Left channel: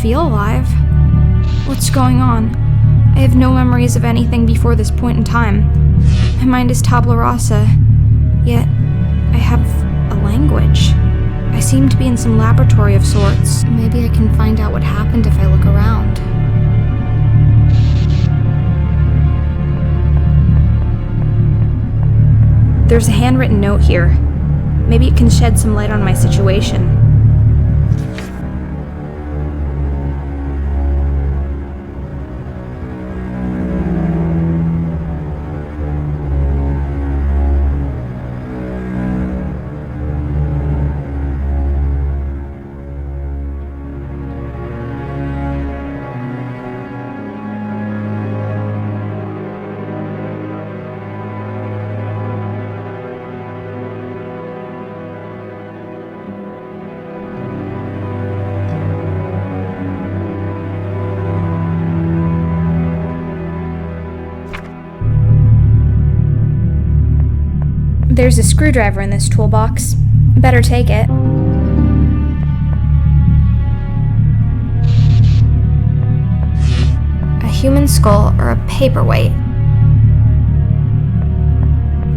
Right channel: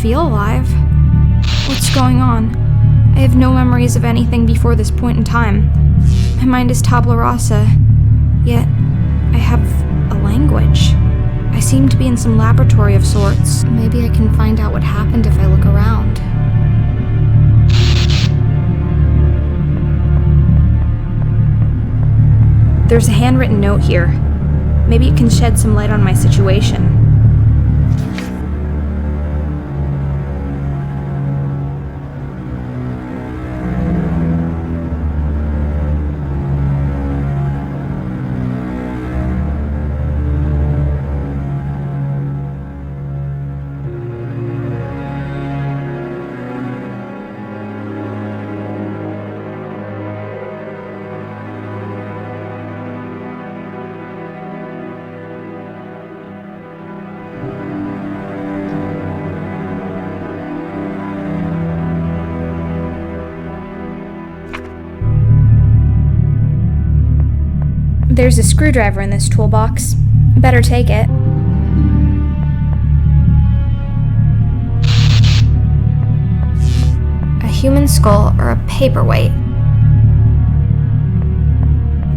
feel alive. What's going on? I have no memories of anything before this point in time. My mind is tabula rasa, yet I have a language. I seem to be in some laboratory of sorts. Maybe I can find out what happened if I look around. There's a handwritten note here. Maybe it can shed some light on my situation. There's a screwdriver in this toolbox. Better take it. A human skull or a paperweight.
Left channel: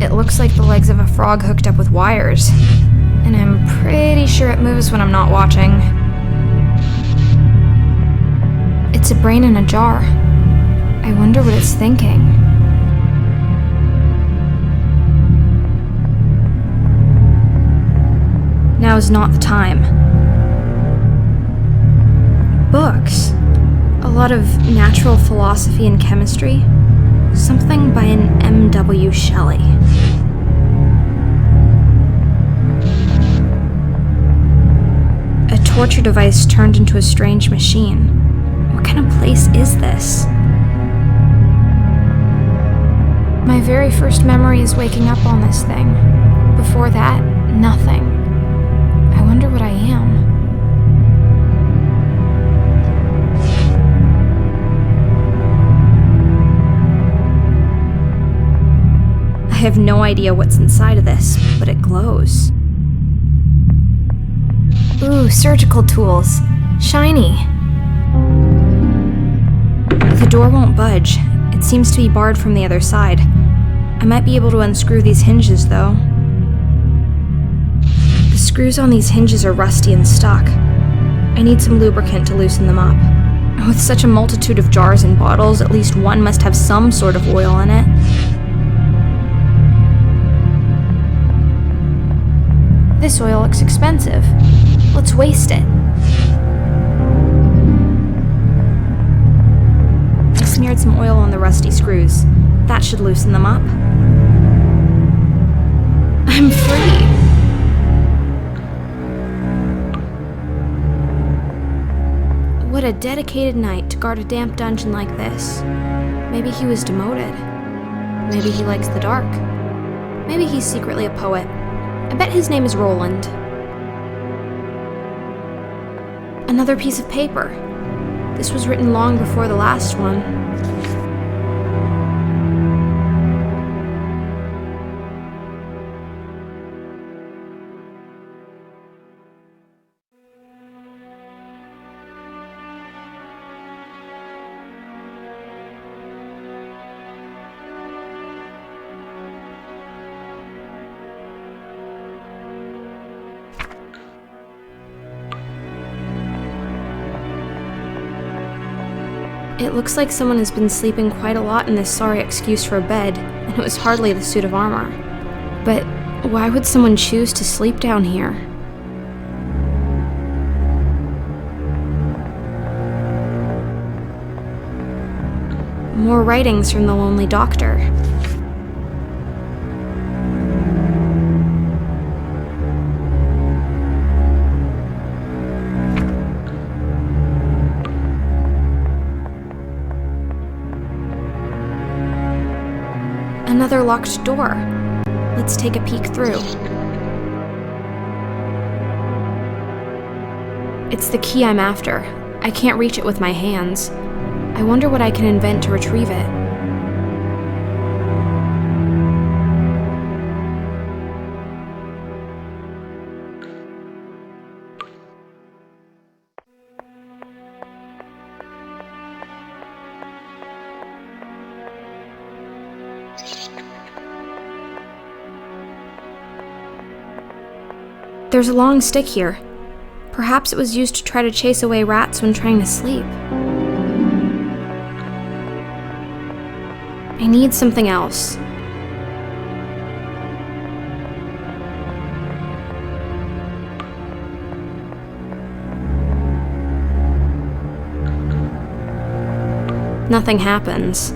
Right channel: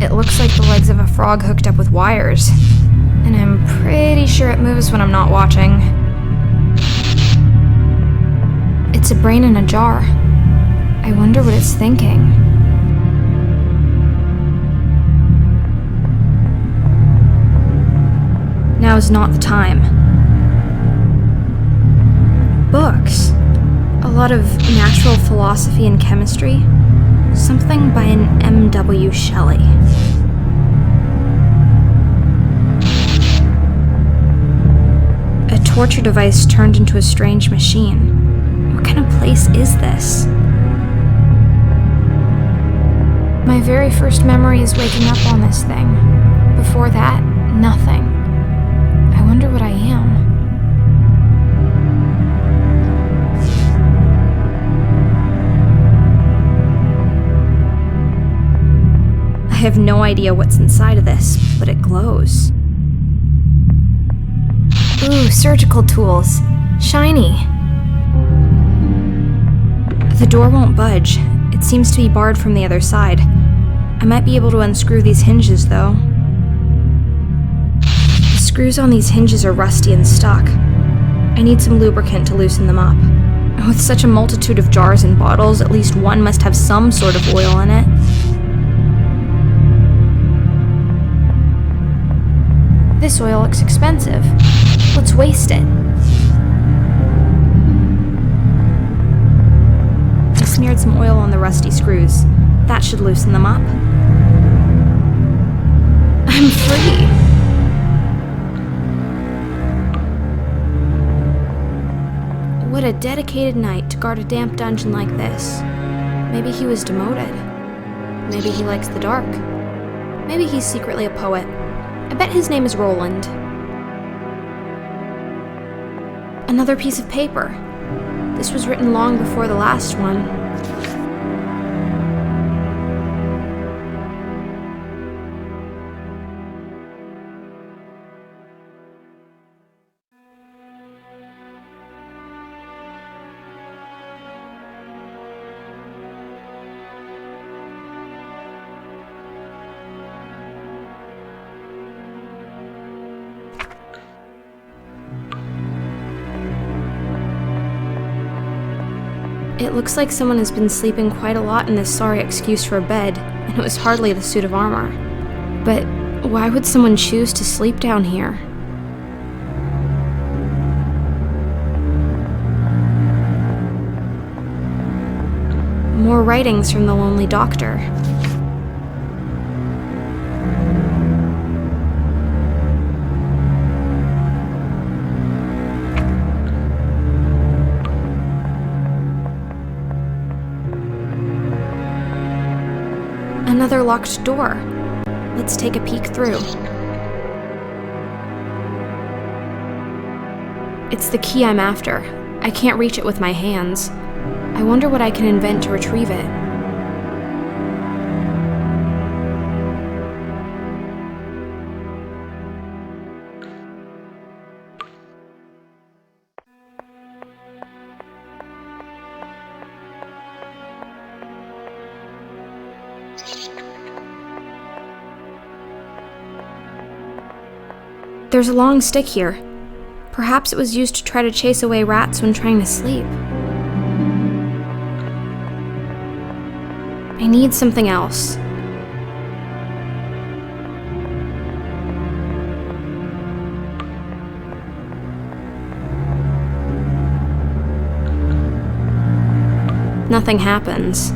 It looks like the legs of a frog hooked up with wires, and I'm pretty sure it moves when I'm not watching. It's a brain in a jar. I wonder what it's thinking. Now is not the time. Books. A lot of natural philosophy and chemistry. Something by an M.W. Shelley. A torture device turned into a strange machine. What kind of place is this? My very first memory is waking up on this thing. Before that, nothing. I wonder what I am. I have no idea what's inside of this, but it glows. Ooh, surgical tools. Shiny. The door won't budge. It seems to be barred from the other side. I might be able to unscrew these hinges, though. The screws on these hinges are rusty and stuck. I need some lubricant to loosen them up. With such a multitude of jars and bottles, at least one must have some sort of oil in it. This oil looks expensive. Let's waste it. I smeared some oil on the rusty screws. That should loosen them up. I'm free. What a dedicated knight to guard a damp dungeon like this. Maybe he was demoted. Maybe he likes the dark. Maybe he's secretly a poet. I bet his name is Roland. Another piece of paper. This was written long before the last one. It looks like someone has been sleeping quite a lot in this sorry excuse for a bed, and it was hardly the suit of armor. But why would someone choose to sleep down here? More writings from the lonely doctor. Another locked door. Let's take a peek through. It's the key I'm after. I can't reach it with my hands. I wonder what I can invent to retrieve it. There's a long stick here. Perhaps it was used to try to chase away rats when trying to sleep. I need something else. Nothing happens.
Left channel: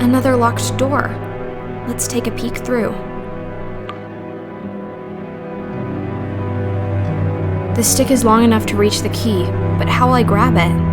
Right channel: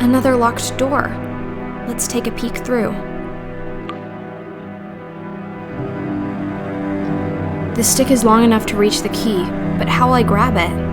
Another locked door. Let's take a peek through. The stick is long enough to reach the key, but how will I grab it?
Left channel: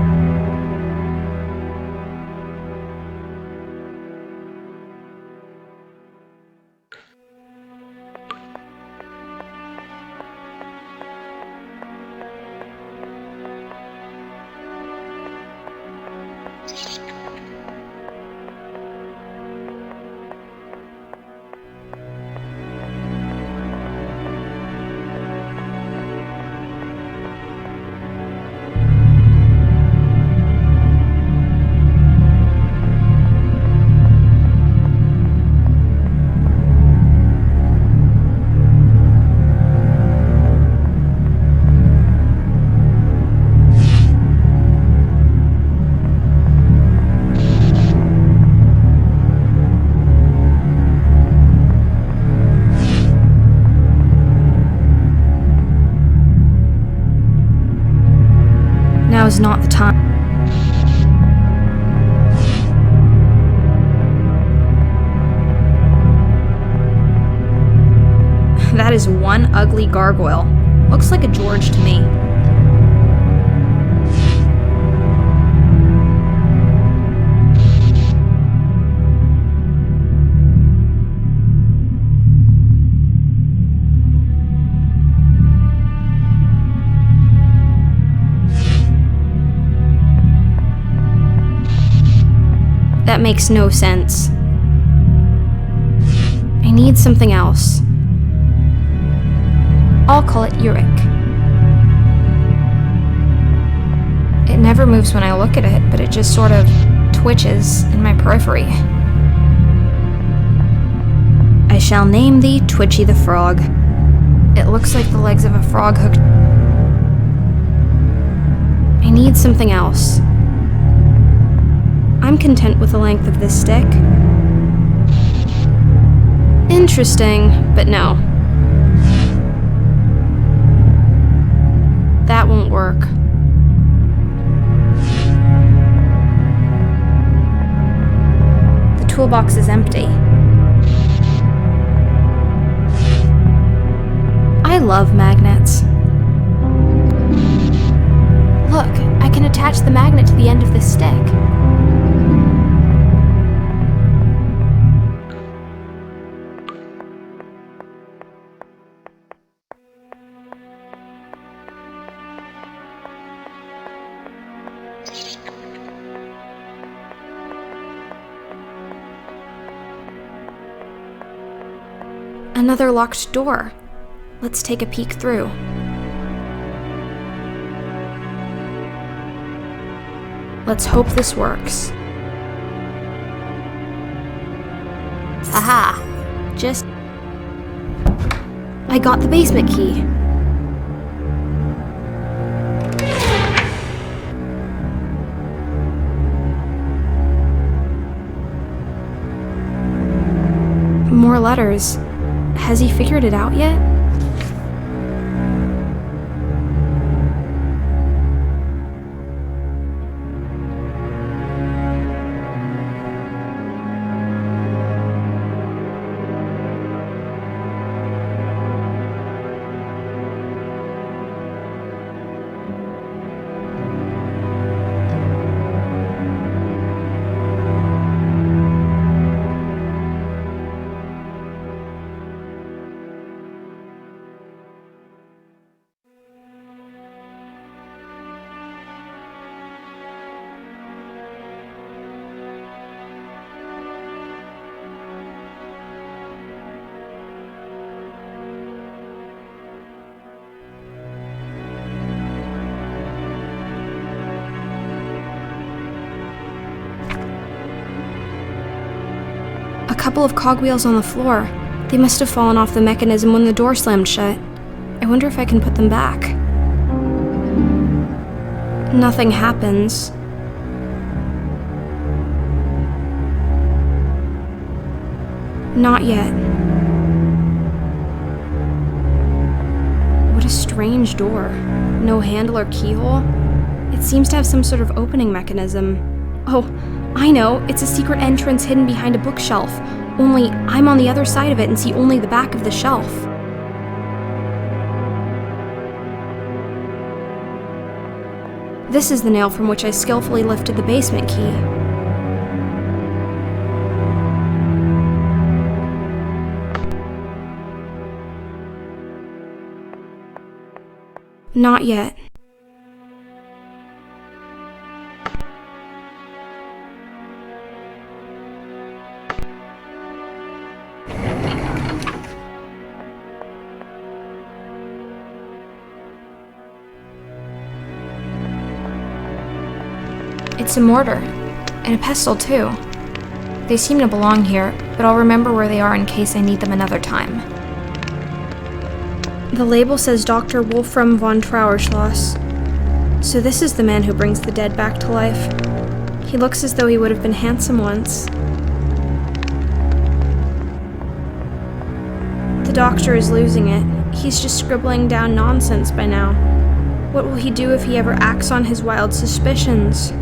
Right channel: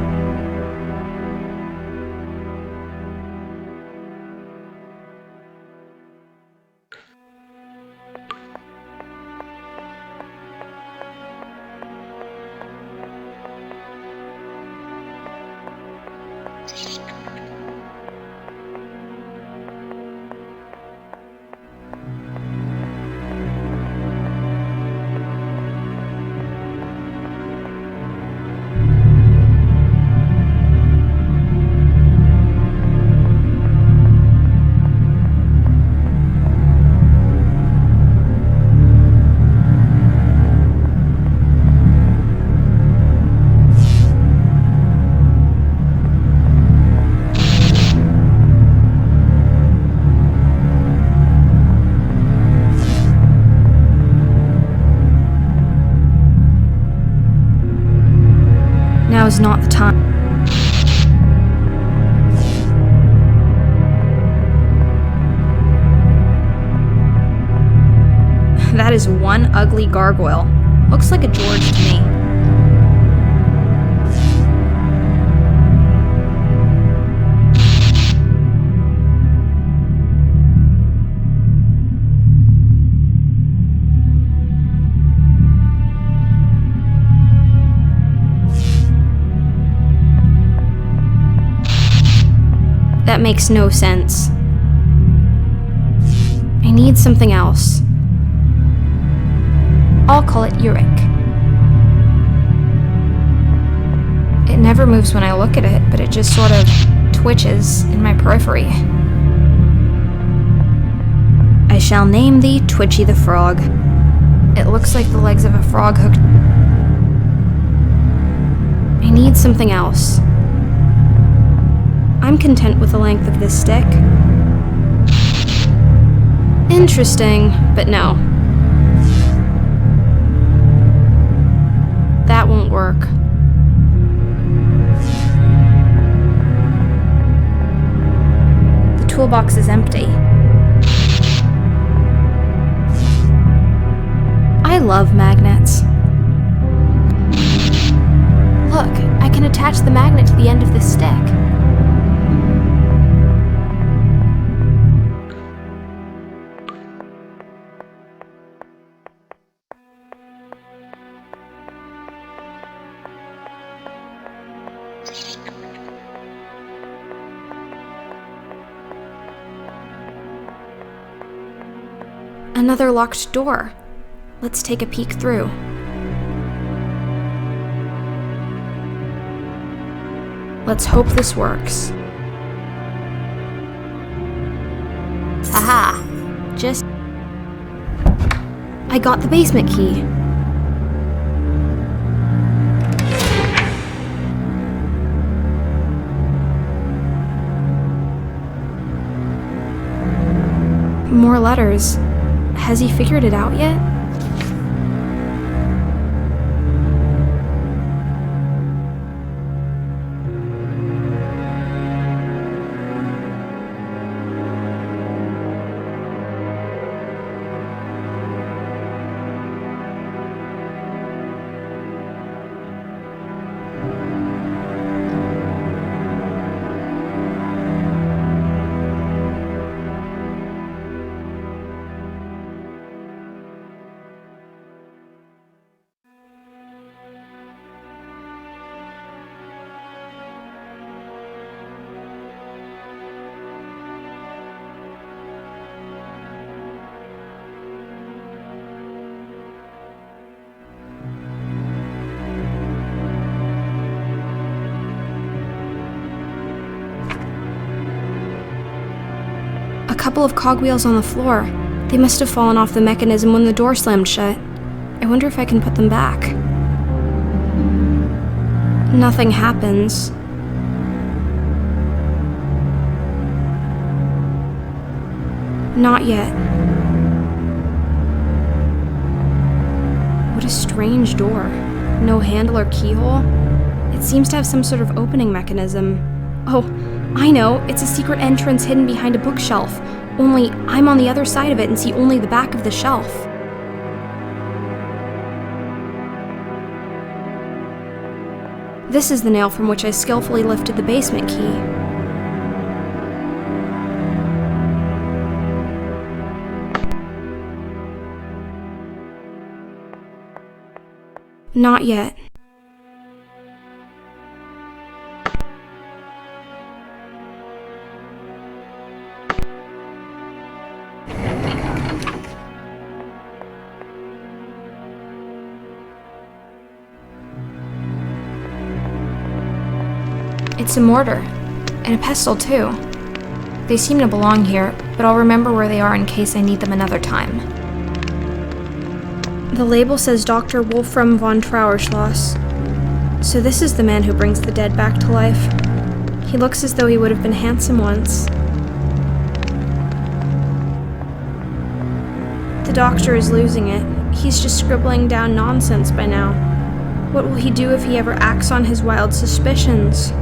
Now is not the time. That is one ugly gargoyle. Looks like a George to me. That makes no sense. I need something else. I'll call it Uric. It never moves when I look at it, but it just sort of twitches in my periphery. I shall name thee Twitchy the Frog. It looks like the legs of a frog hooked. I need something else. I'm content with the length of this stick. Interesting, but no. That won't work. The toolbox is empty. I love magnets. Look, I can attach the magnet to the end of this stick. Another locked door. Let's take a peek through. Let's hope this works. Haha! I got the basement key. More letters. Has he figured it out yet? couple of cogwheels on the floor. They must have fallen off the mechanism when the door slammed shut. I wonder if I can put them back. Nothing happens. Not yet. What a strange door. No handle or keyhole. It seems to have some sort of opening mechanism. Oh, I know, it's a secret entrance hidden behind a bookshelf. Only I'm on the other side of it and see only the back of the shelf. This is the nail from which I skillfully lifted the basement key. Not yet. It's a mortar, and a pestle too. They seem to belong here, but I'll remember where they are in case I need them another time. The label says Dr. Wolfram von Trauerschloss. So this is the man who brings the dead back to life. He looks as though he would have been handsome once. The doctor is losing it. He's just scribbling down nonsense by now. What will he do if he ever acts on his wild suspicions?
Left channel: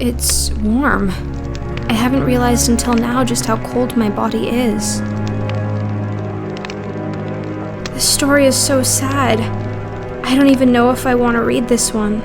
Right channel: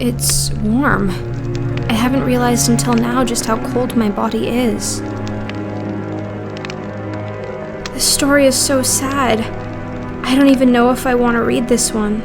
It's warm. I haven't realized until now just how cold my body is. This story is so sad. I don't even know if I want to read this one.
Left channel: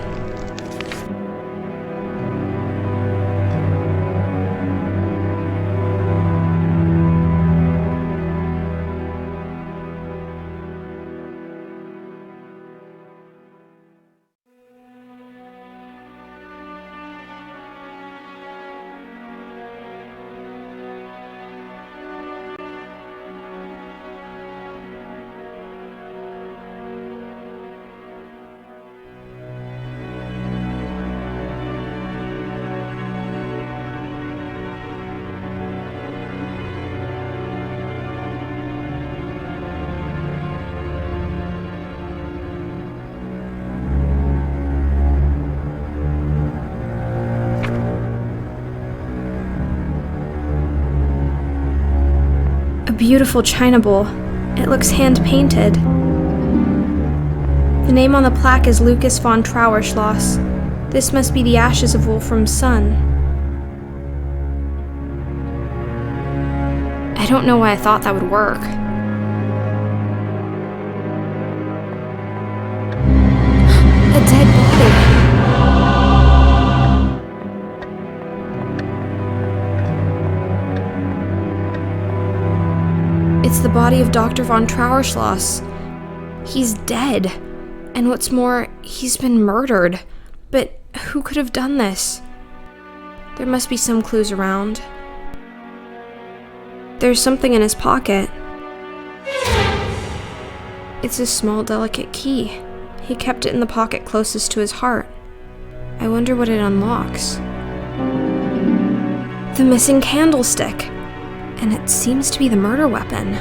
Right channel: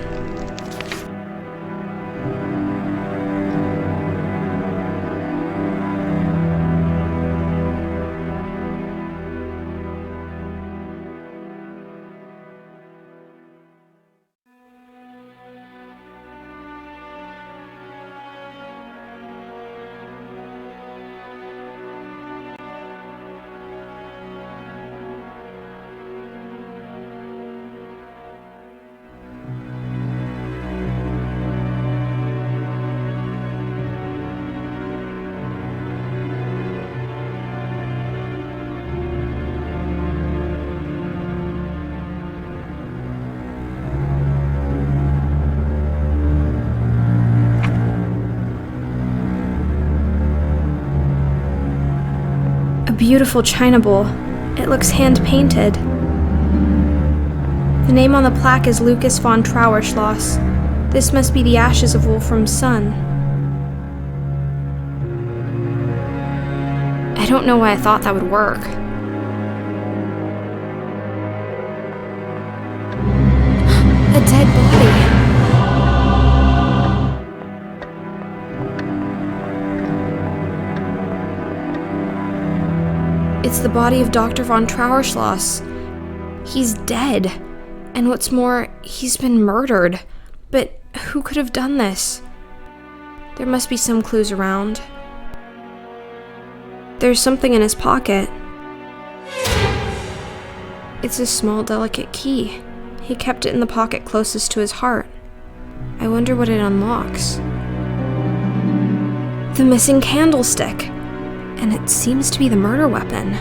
A beautiful china bowl. It looks hand-painted. The name on the plaque is Lucas von Trauerschloss. This must be the ashes of Wolfram's son. I don't know why I thought that would work. A dead body. It's the body of Dr. von Trauerschloss. He's dead. And what's more, he's been murdered. But who could have done this? There must be some clues around. There's something in his pocket. It's a small, delicate key. He kept it in the pocket closest to his heart. I wonder what it unlocks. The missing candlestick. And it seems to be the murder weapon.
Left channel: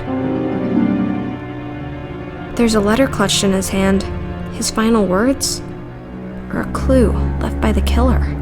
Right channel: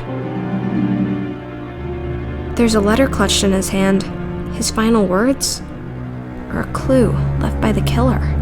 There's a letter clutched in his hand. His final words? Or a clue left by the killer?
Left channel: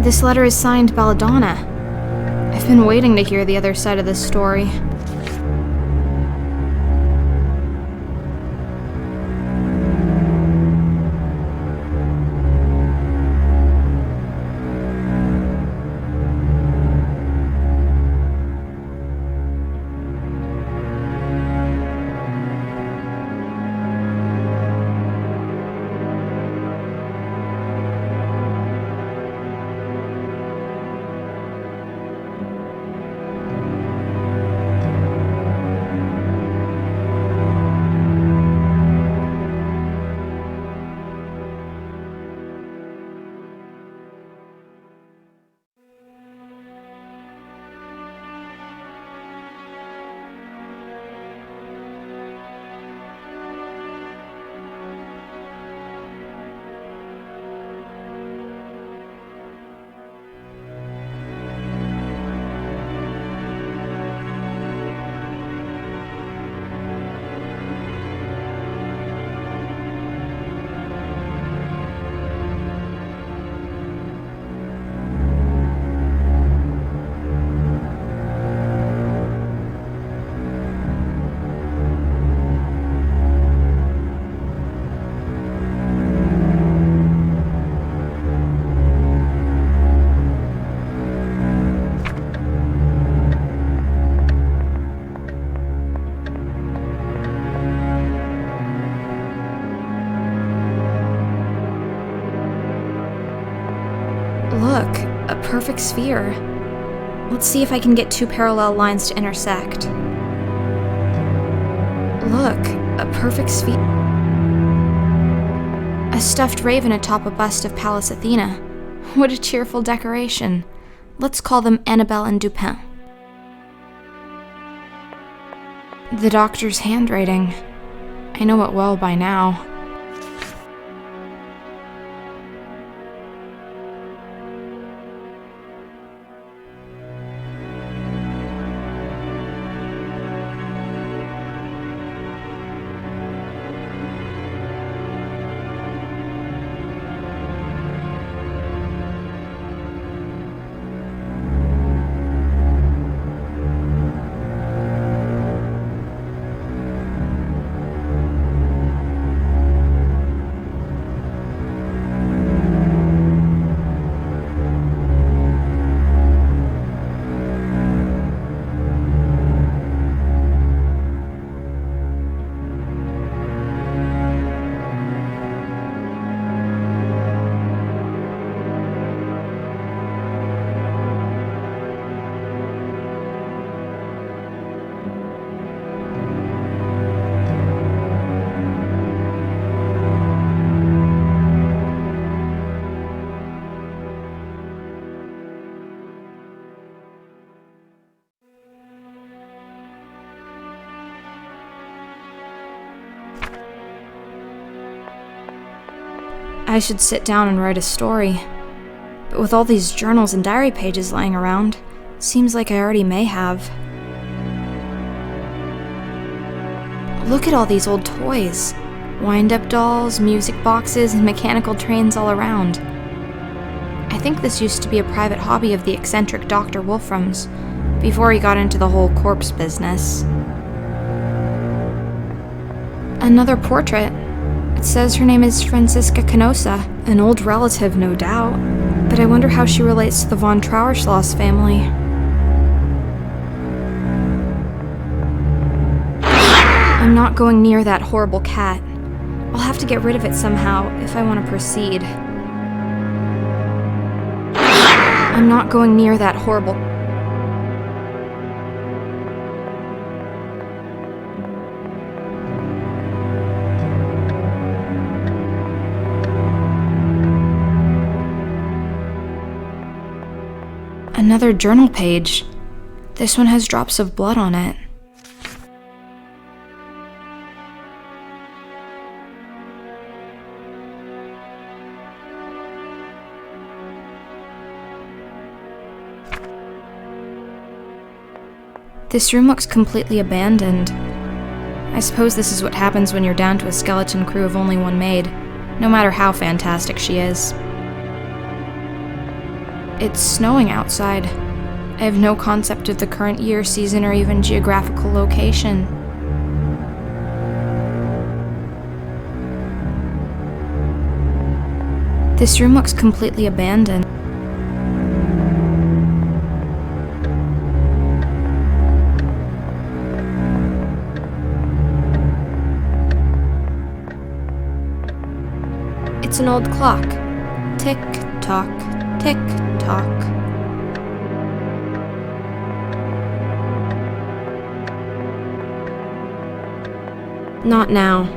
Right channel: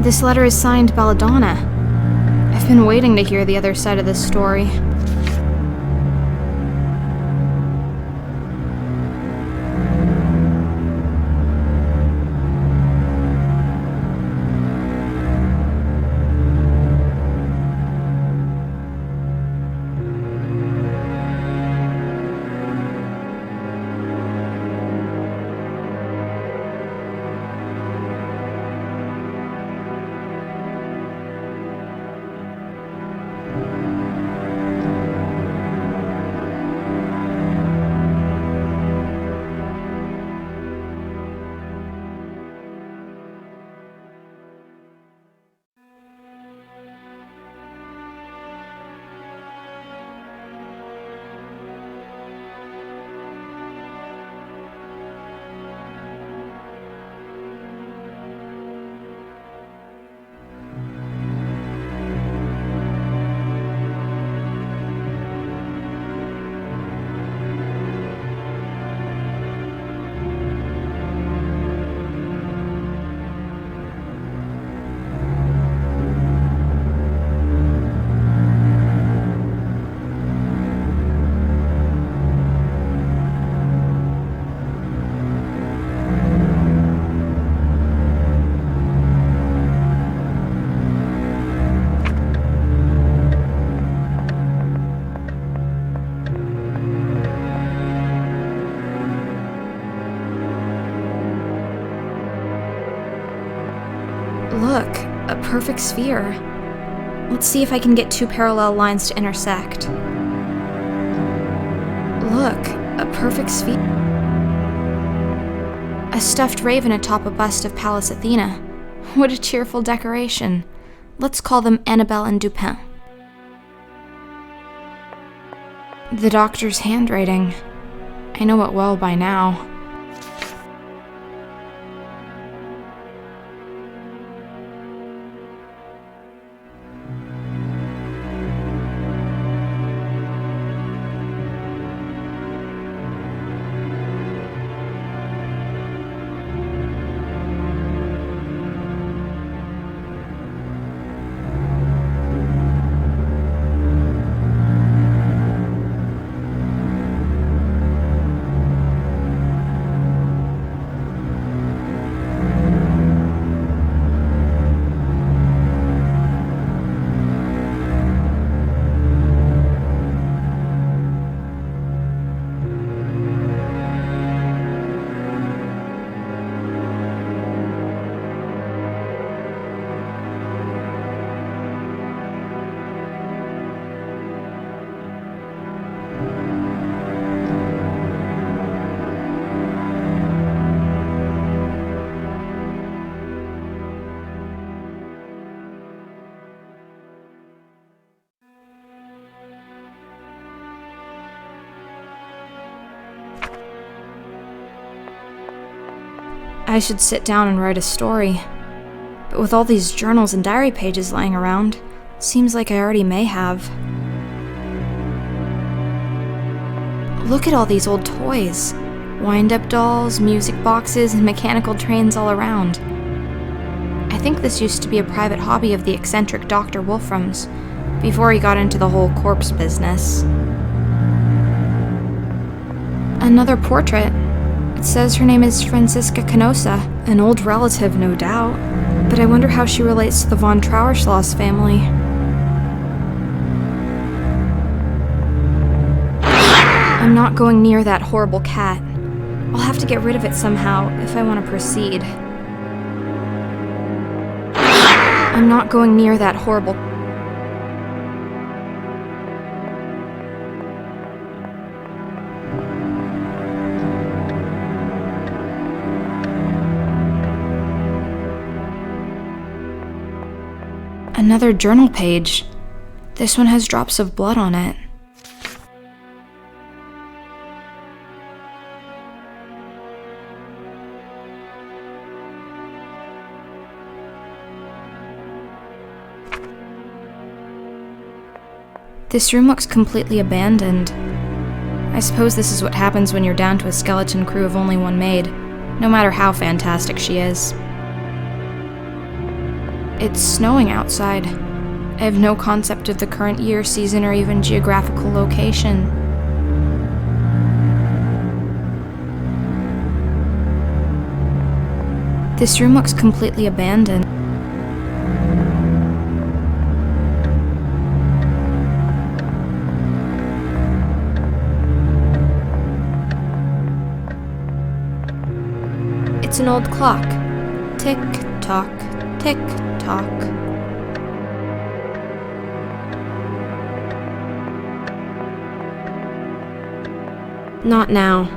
This letter is signed Belladonna. I've been waiting to hear the other side of this story. Look, a perfect sphere. Let's see if I can get two parallel lines to intersect. Look, a perfect sphere. A stuffed raven atop a bust of Pallas Athena. What a cheerful decoration. Let's call them Annabelle and Dupin. The doctor's handwriting. I know it well by now. I should sit down and write a story. But with all these journals and diary pages lying around, seems like I already may have. Look at all these old toys. Wind-up dolls, music boxes, and mechanical trains all around. I think this used to be a private hobby of the eccentric Dr. Wolfram's, before he got into the whole corpse business. Another portrait. It says her name is Francisca Canosa, an old relative, no doubt, but I wonder how she relates to the von Trauerschloss family. I'm not going near that horrible cat. I'll have to get rid of it somehow if I want to proceed. I'm not going near that horrible... Another journal page. This one has drops of blood on it. This room looks completely abandoned. I suppose this is what happens when you're down to a skeleton crew of only one maid, no matter how fantastic she is. It's snowing outside. I have no concept of the current year, season, or even geographical location. This room looks completely abandoned. It's an old clock. Tick-tock, tick-tock. Not now.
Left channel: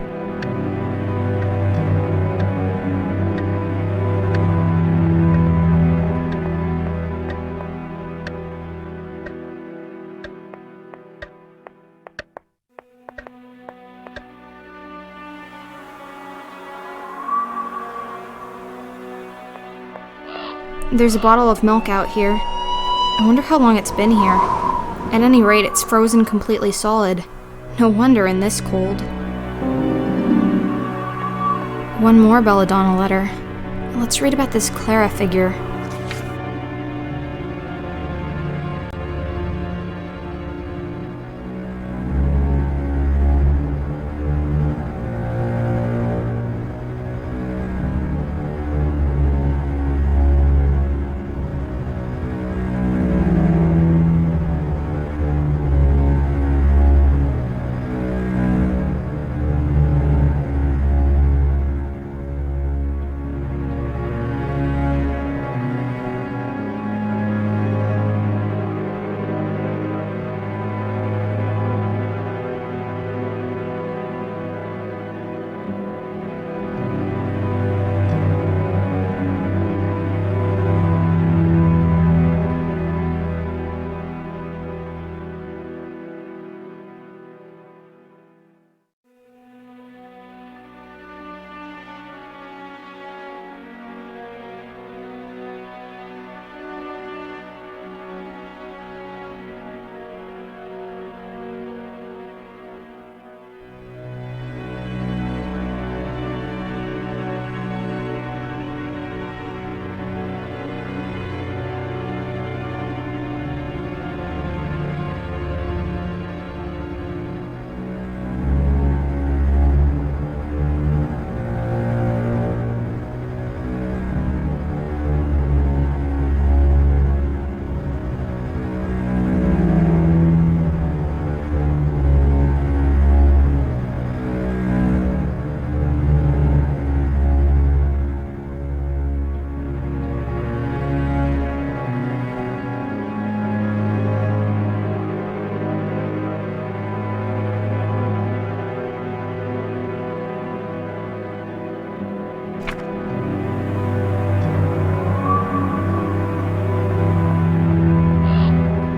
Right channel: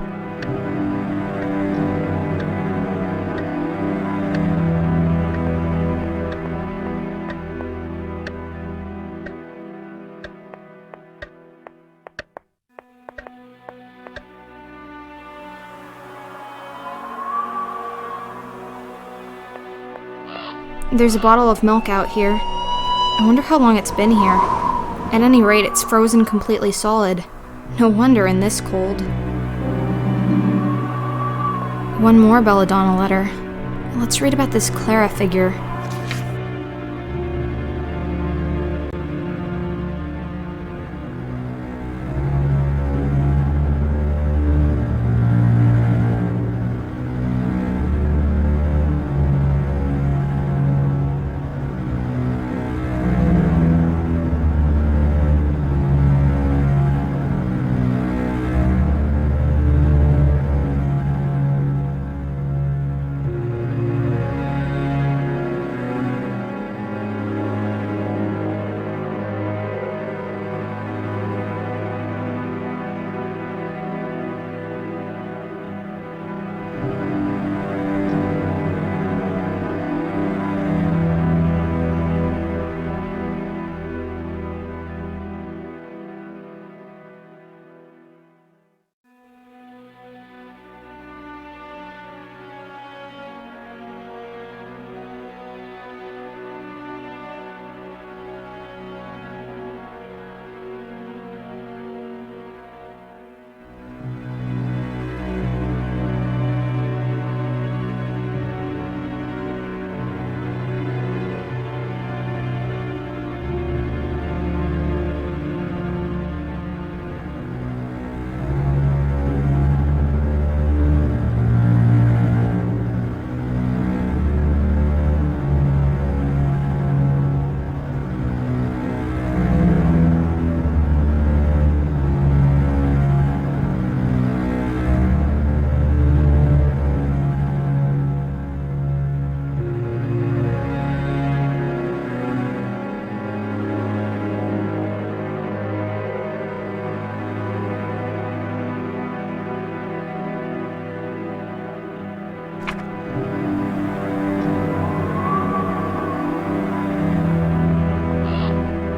There's a bottle of milk out here. I wonder how long it's been here. At any rate, it's frozen completely solid. No wonder in this cold. One more Belladonna letter. Let's read about this Clara figure.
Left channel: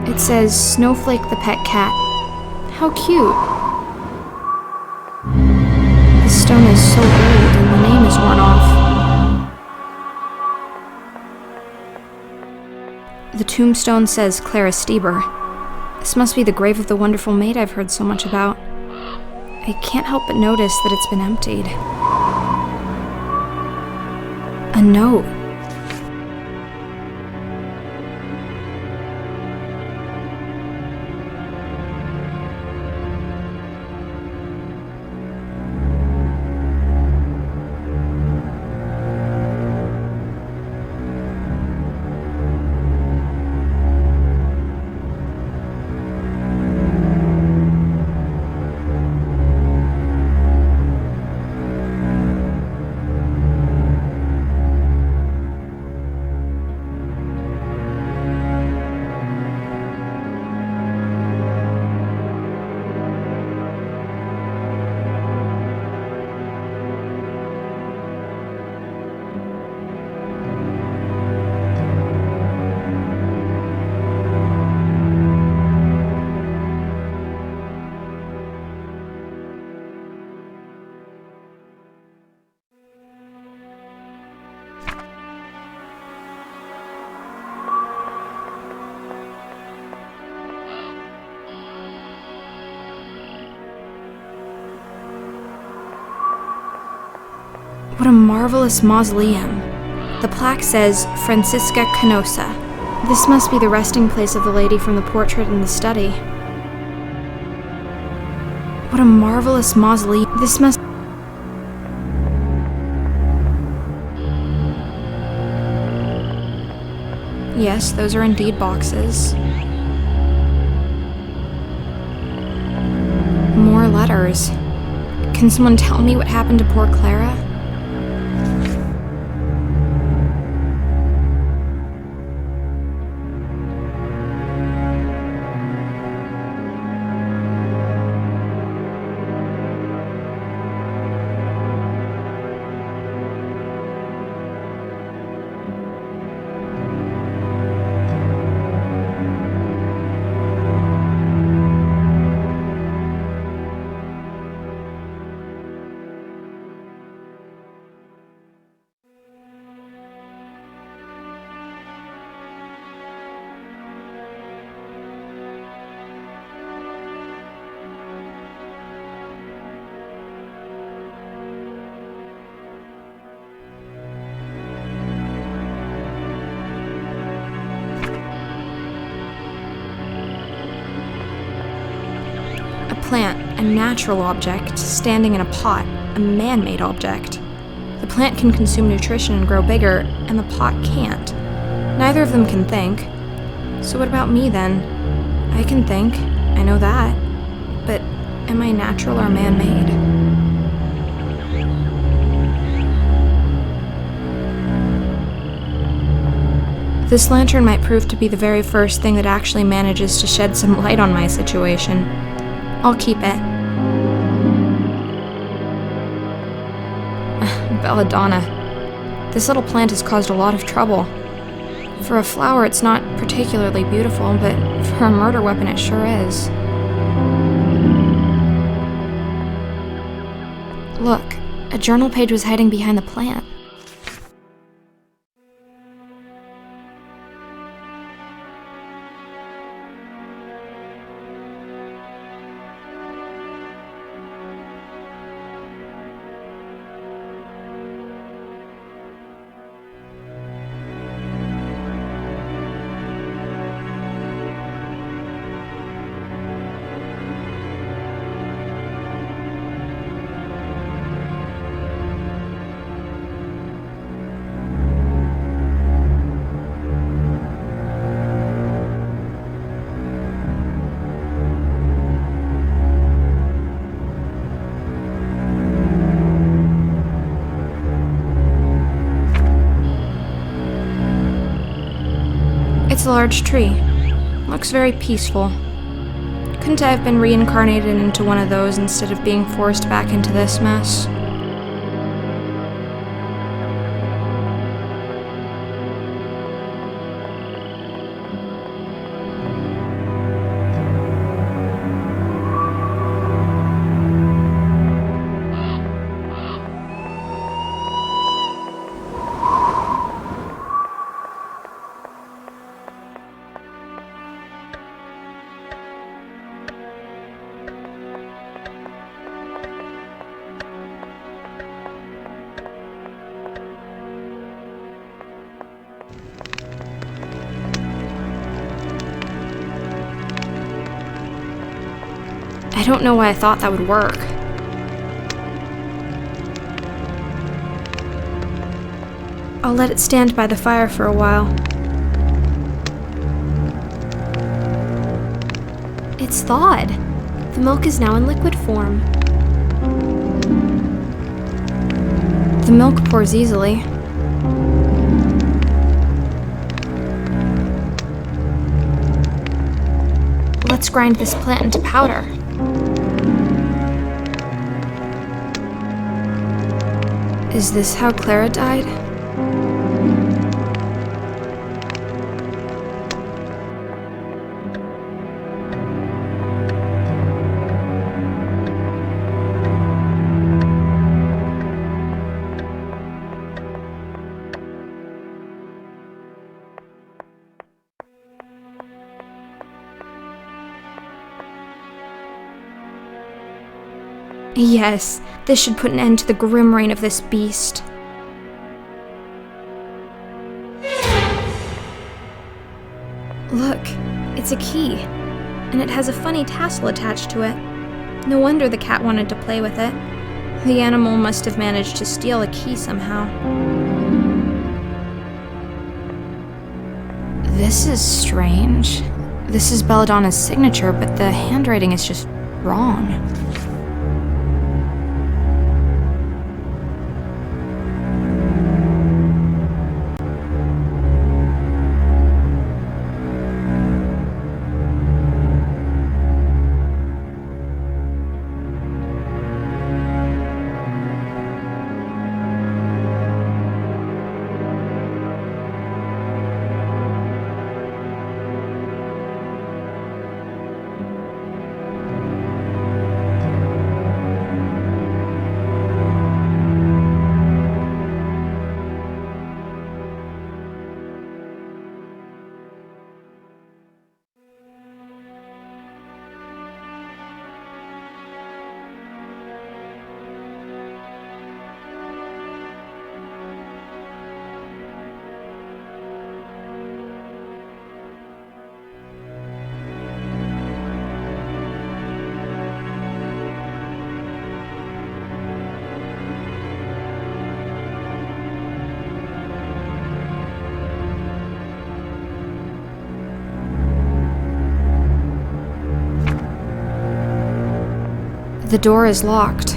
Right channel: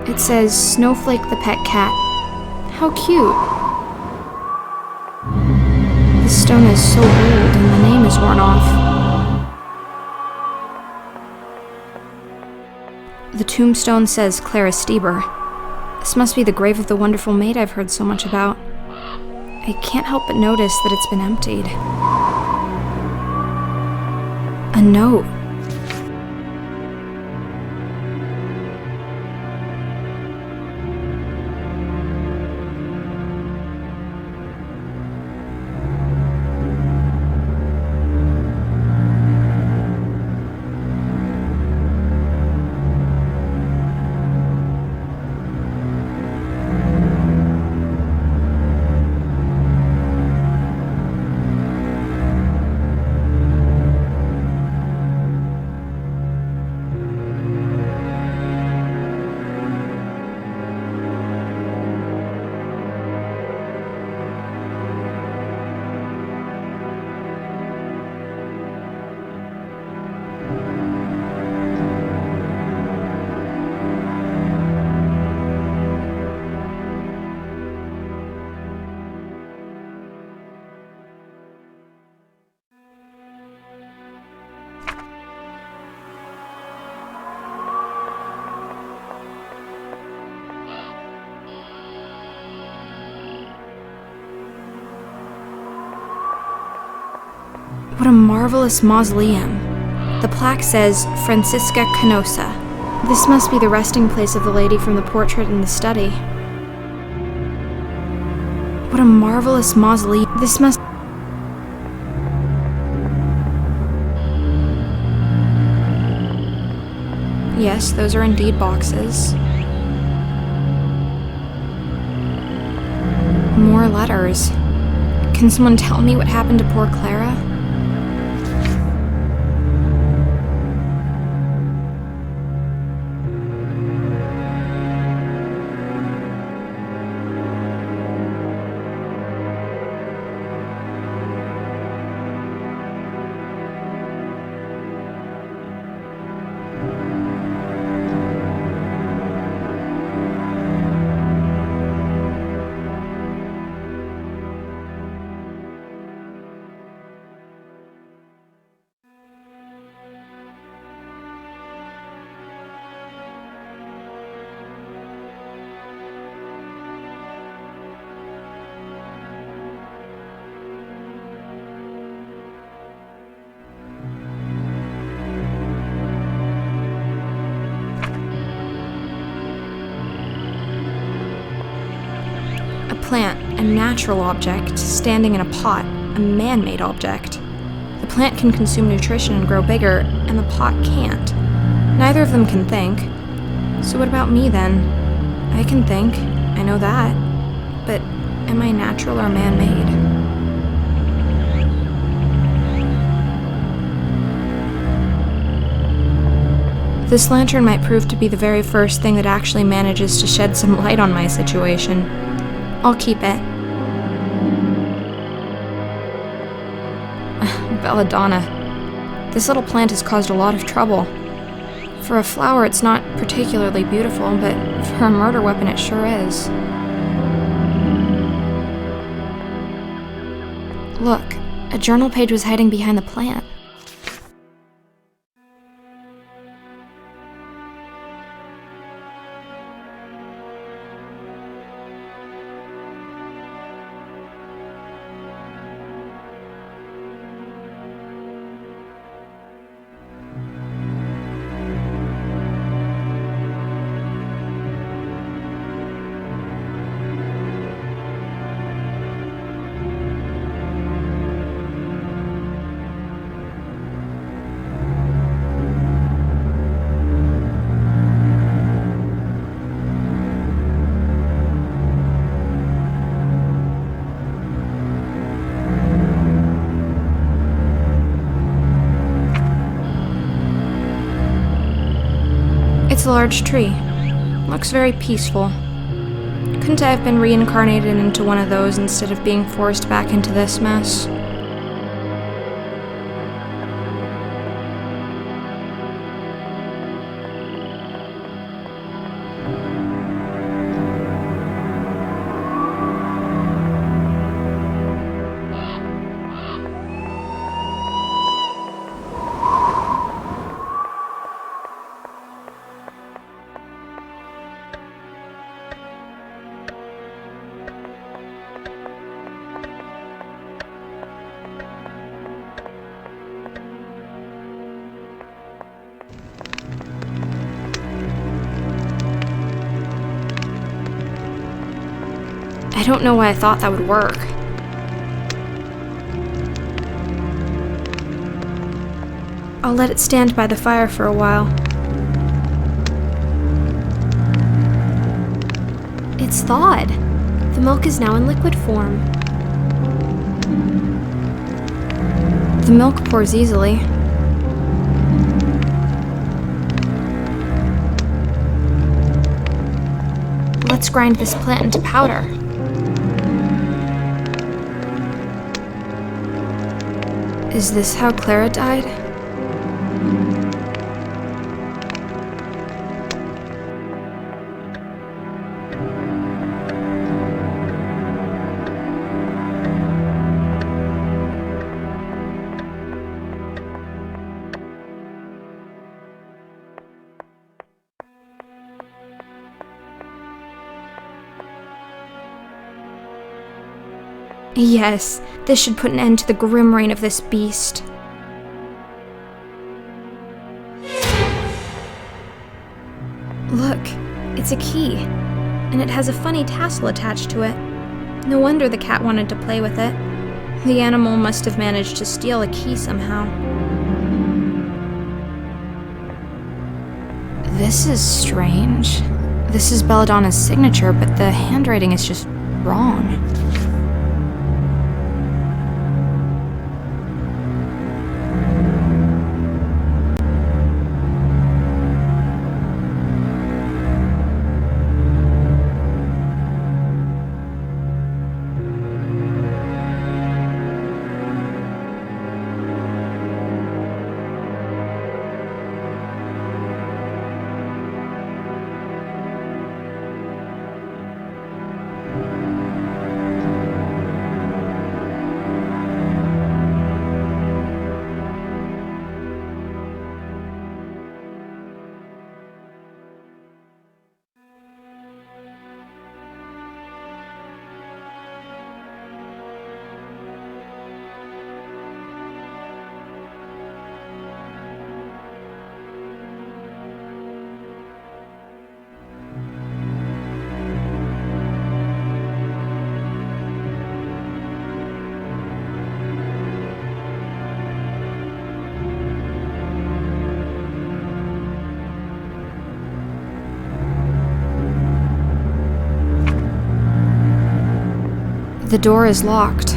It says, Snowflake the pet cat. How cute. The stone is so old and the name is worn off. The tombstone says Clara Stieber. This must be the grave of the wonderful maid I've heard so much about. I can't help but notice that it's been emptied. A note. What a marvelous mausoleum. The plaque says, Francisca Canosa. This must be the resting place of the lady from the portrait in the study. What a marvelous mausoleum. This must... Yes, those are indeed boxes. More letters. Can someone tell me what happened to poor Clara? A plant, a natural object, standing in a pot, a man-made object. The plant can consume nutrition and grow bigger, and the pot can't. Neither of them can think. So what about me then? I can think, I know that. But am I natural or man-made? This lantern might prove to be the very first thing that actually manages to shed some light on my situation. I'll keep it. Belladonna. This little plant has caused a lot of trouble. For a flower, it's not particularly beautiful, but for a murder weapon, it sure is. Look, a journal page was hiding behind the plant. It's a large tree. Looks very peaceful. Couldn't I have been reincarnated into one of those instead of being forced back into this mess? I don't know why I thought that would work. I'll let it stand by the fire for a while. It's thawed. The milk is now in liquid form. The milk pours easily. Let's grind this plant into powder. Is this how Clara died? Yes, this should put an end to the grim reign of this beast. Look, it's a key, and it has a funny tassel attached to it. No wonder the cat wanted to play with it. The animal must have managed to steal a key somehow. This is strange. This is Belladonna's signature, but the handwriting is just wrong. The door is locked.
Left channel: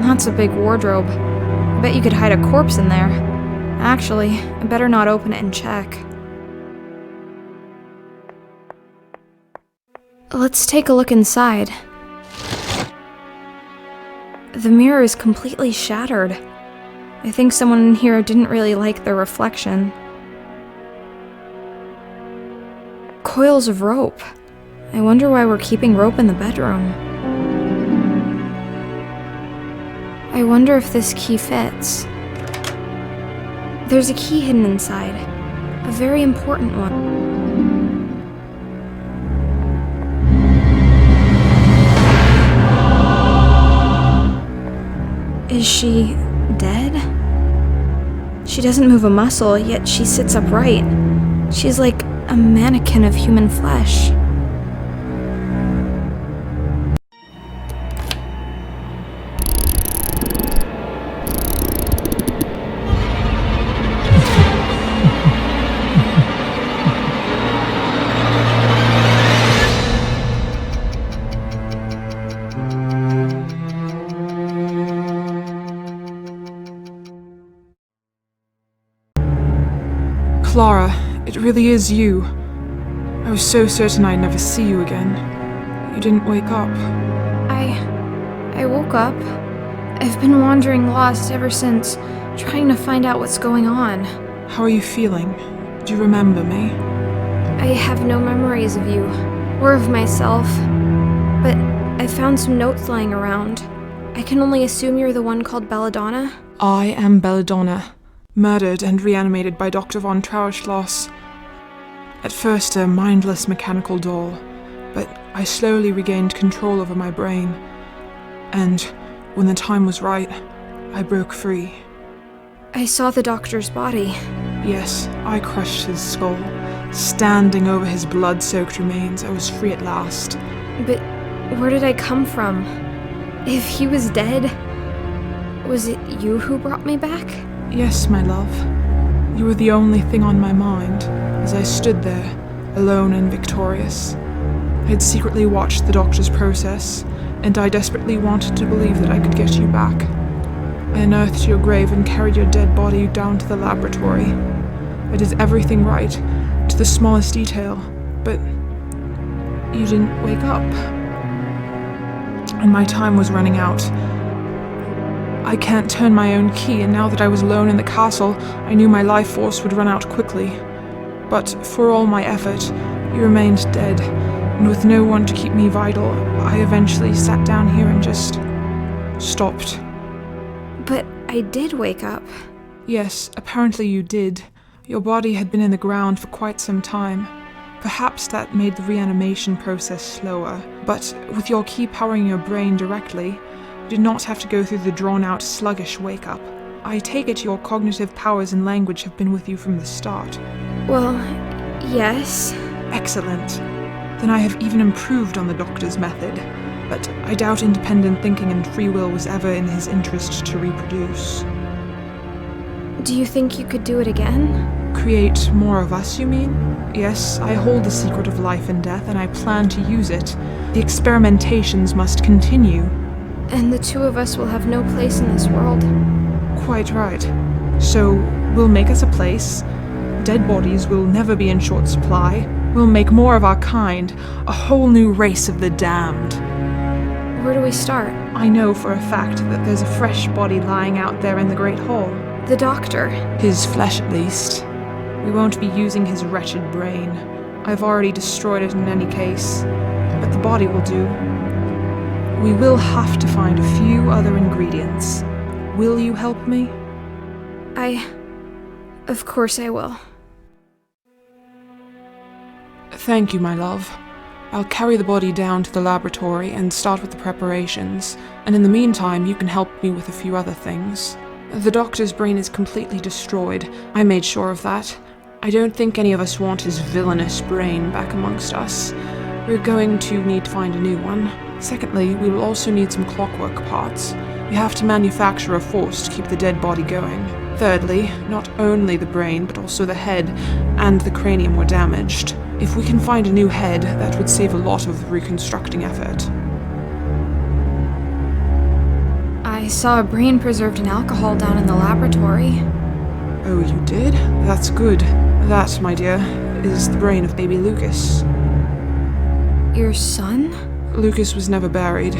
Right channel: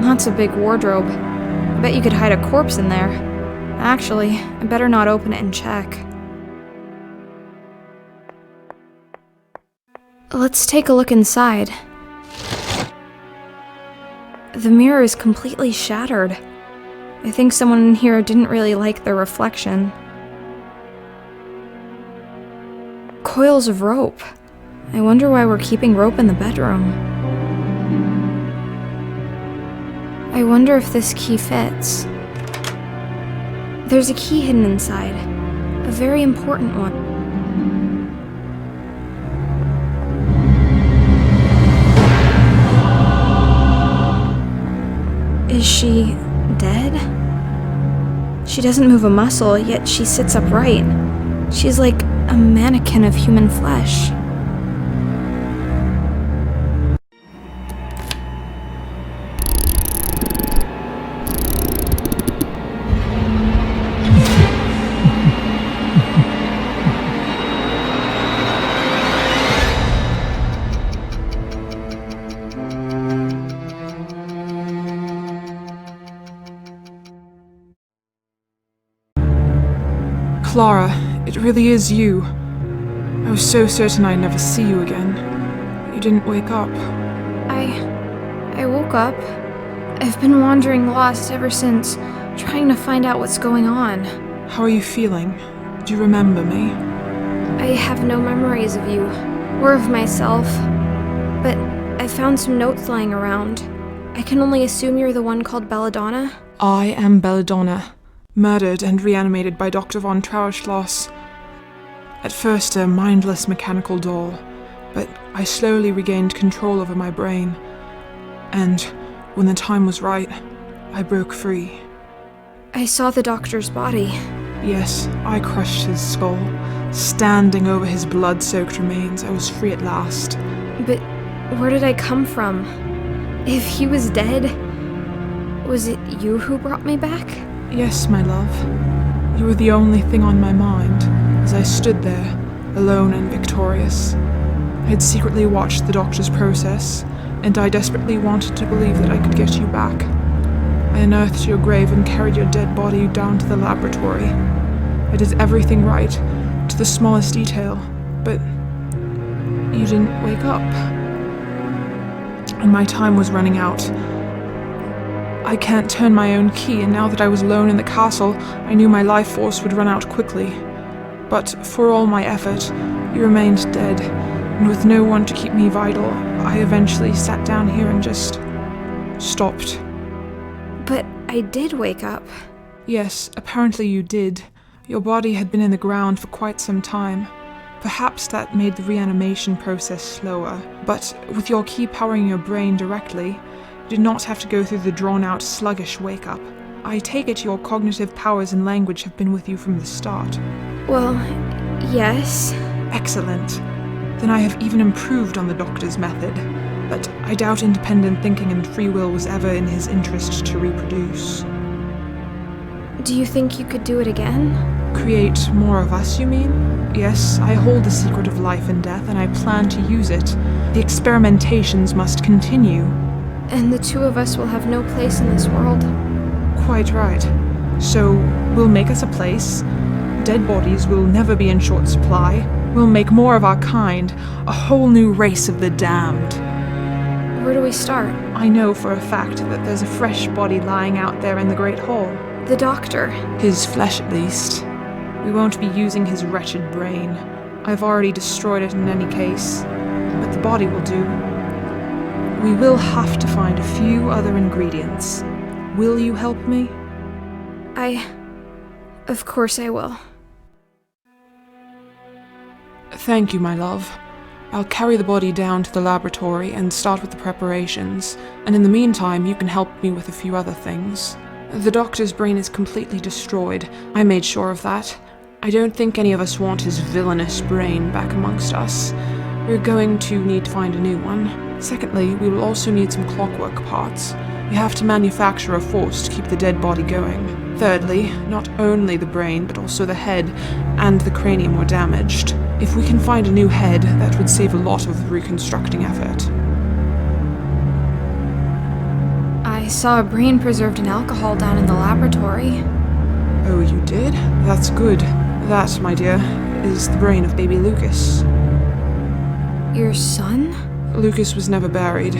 That's a big wardrobe. I bet you could hide a corpse in there. Actually, I better not open it and check. Let's take a look inside. The mirror is completely shattered. I think someone in here didn't really like their reflection. Coils of rope. I wonder why we're keeping rope in the bedroom. I wonder if this key fits. There's a key hidden inside. A very important one. Is she dead? She doesn't move a muscle, yet she sits upright. She's like a mannequin of human flesh. Clara, it really is you. I was so certain I'd never see you again. You didn't wake up. I woke up. I've been wandering lost ever since, trying to find out what's going on. How are you feeling? Do you remember me? I have no memories of you, or of myself. But I found some notes lying around. I can only assume you're the one called Belladonna? I am Belladonna, murdered and reanimated by Dr. von Trauerschloss. At first a mindless mechanical doll, but I slowly regained control over my brain. And when the time was right, I broke free. I saw the doctor's body. Yes, I crushed his skull. Standing over his blood-soaked remains, I was free at last. But where did I come from? If he was dead, was it you who brought me back? Yes, my love. You were the only thing on my mind as I stood there, alone and victorious. I had secretly watched the doctor's process, and I desperately wanted to believe that I could get you back. I unearthed your grave and carried your dead body down to the laboratory. I did everything right, to the smallest detail, but you didn't wake up. And my time was running out. I can't turn my own key, and now that I was alone in the castle, I knew my life force would run out quickly. But for all my effort, you remained dead, and with no one to keep me vital, I eventually sat down here and just stopped. But I did wake up. Yes, apparently you did. Your body had been in the ground for quite some time. Perhaps that made the reanimation process slower, but with your key powering your brain directly, you did not have to go through the drawn-out, sluggish wake-up. I take it your cognitive powers and language have been with you from the start. Well, yes. Excellent. Then I have even improved on the doctor's method, but I doubt independent thinking and free will was ever in his interest to reproduce. Do you think you could do it again? Create more of us, you mean? Yes, I hold the secret of life and death, and I plan to use it. The experimentations must continue. And the two of us will have no place in this world. Quite right. So, we'll make us a place. Dead bodies will never be in short supply. We'll make more of our kind, a whole new race of the damned. Where do we start? I know for a fact that there's a fresh body lying out there in the Great Hall. The doctor. His flesh, at least. We won't be using his wretched brain. I've already destroyed it in any case. But the body will do. We will have to find a few other ingredients. Will you help me? Of course I will. Thank you, my love. I'll carry the body down to the laboratory and start with the preparations, and in the meantime you can help me with a few other things. The doctor's brain is completely destroyed. I made sure of that. I don't think any of us want his villainous brain back amongst us. We're going to need to find a new one. Secondly, we will also need some clockwork parts. We have to manufacture a force to keep the dead body going. Thirdly, not only the brain, but also the head and the cranium were damaged. If we can find a new head, that would save a lot of the reconstructing effort. I saw a brain preserved in alcohol down in the laboratory. Oh, you did? That's good. That, my dear, is the brain of baby Lucas. Your son? Lucas was never buried.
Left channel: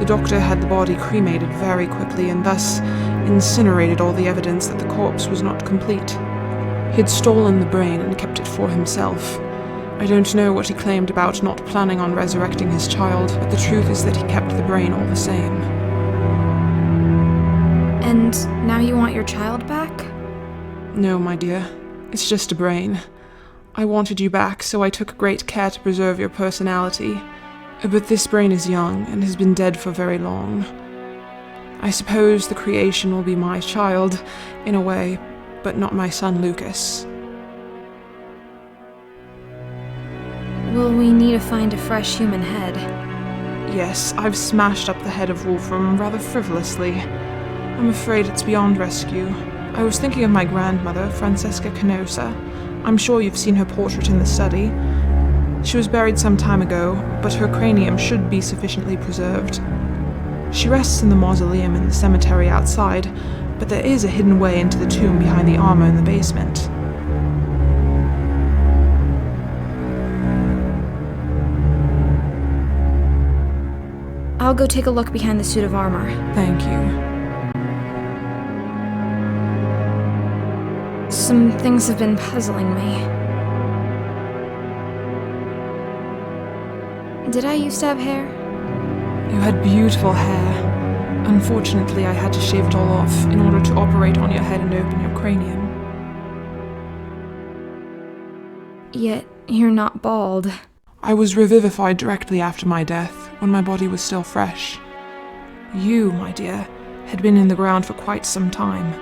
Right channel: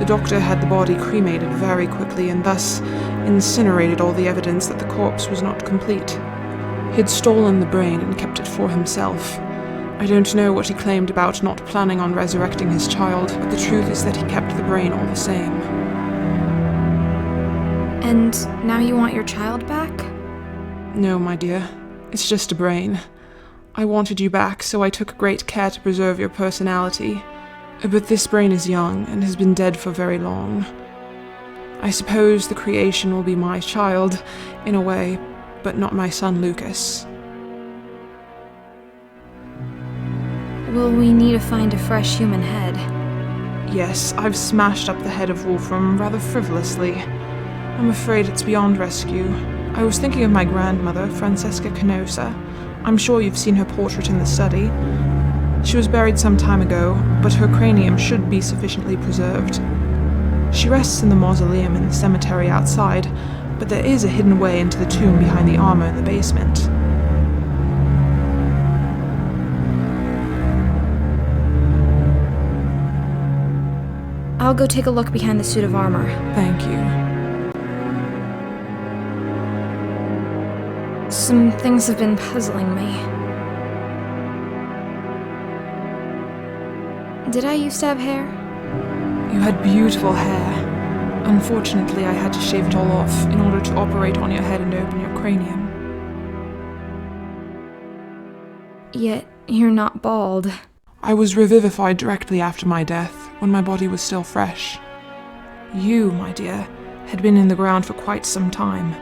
The doctor had the body cremated very quickly and thus incinerated all the evidence that the corpse was not complete. He had stolen the brain and kept it for himself. I don't know what he claimed about not planning on resurrecting his child, but the truth is that he kept the brain all the same. And now you want your child back? No, my dear. It's just a brain. I wanted you back, so I took great care to preserve your personality. But this brain is young and has been dead for very long. I suppose the creation will be my child, in a way, but not my son Lucas. Will we need to find a fresh human head? Yes, I've smashed up the head of Wolfram rather frivolously. I'm afraid it's beyond rescue. I was thinking of my grandmother, Francisca. I'm sure you've seen her portrait in the study. She was buried some time ago, but her cranium should be sufficiently preserved. She rests in the mausoleum in the cemetery outside, but there is a hidden way into the tomb behind the armor in the basement. I'll go take a look behind the suit of armor. Thank you. Some things have been puzzling me. Did I used to have hair? You had beautiful hair. Unfortunately, I had to shave it all off in order to operate on your head and open your cranium. Yet, you're not bald. I was revivified directly after my death, when my body was still fresh. You, my dear, had been in the ground for quite some time.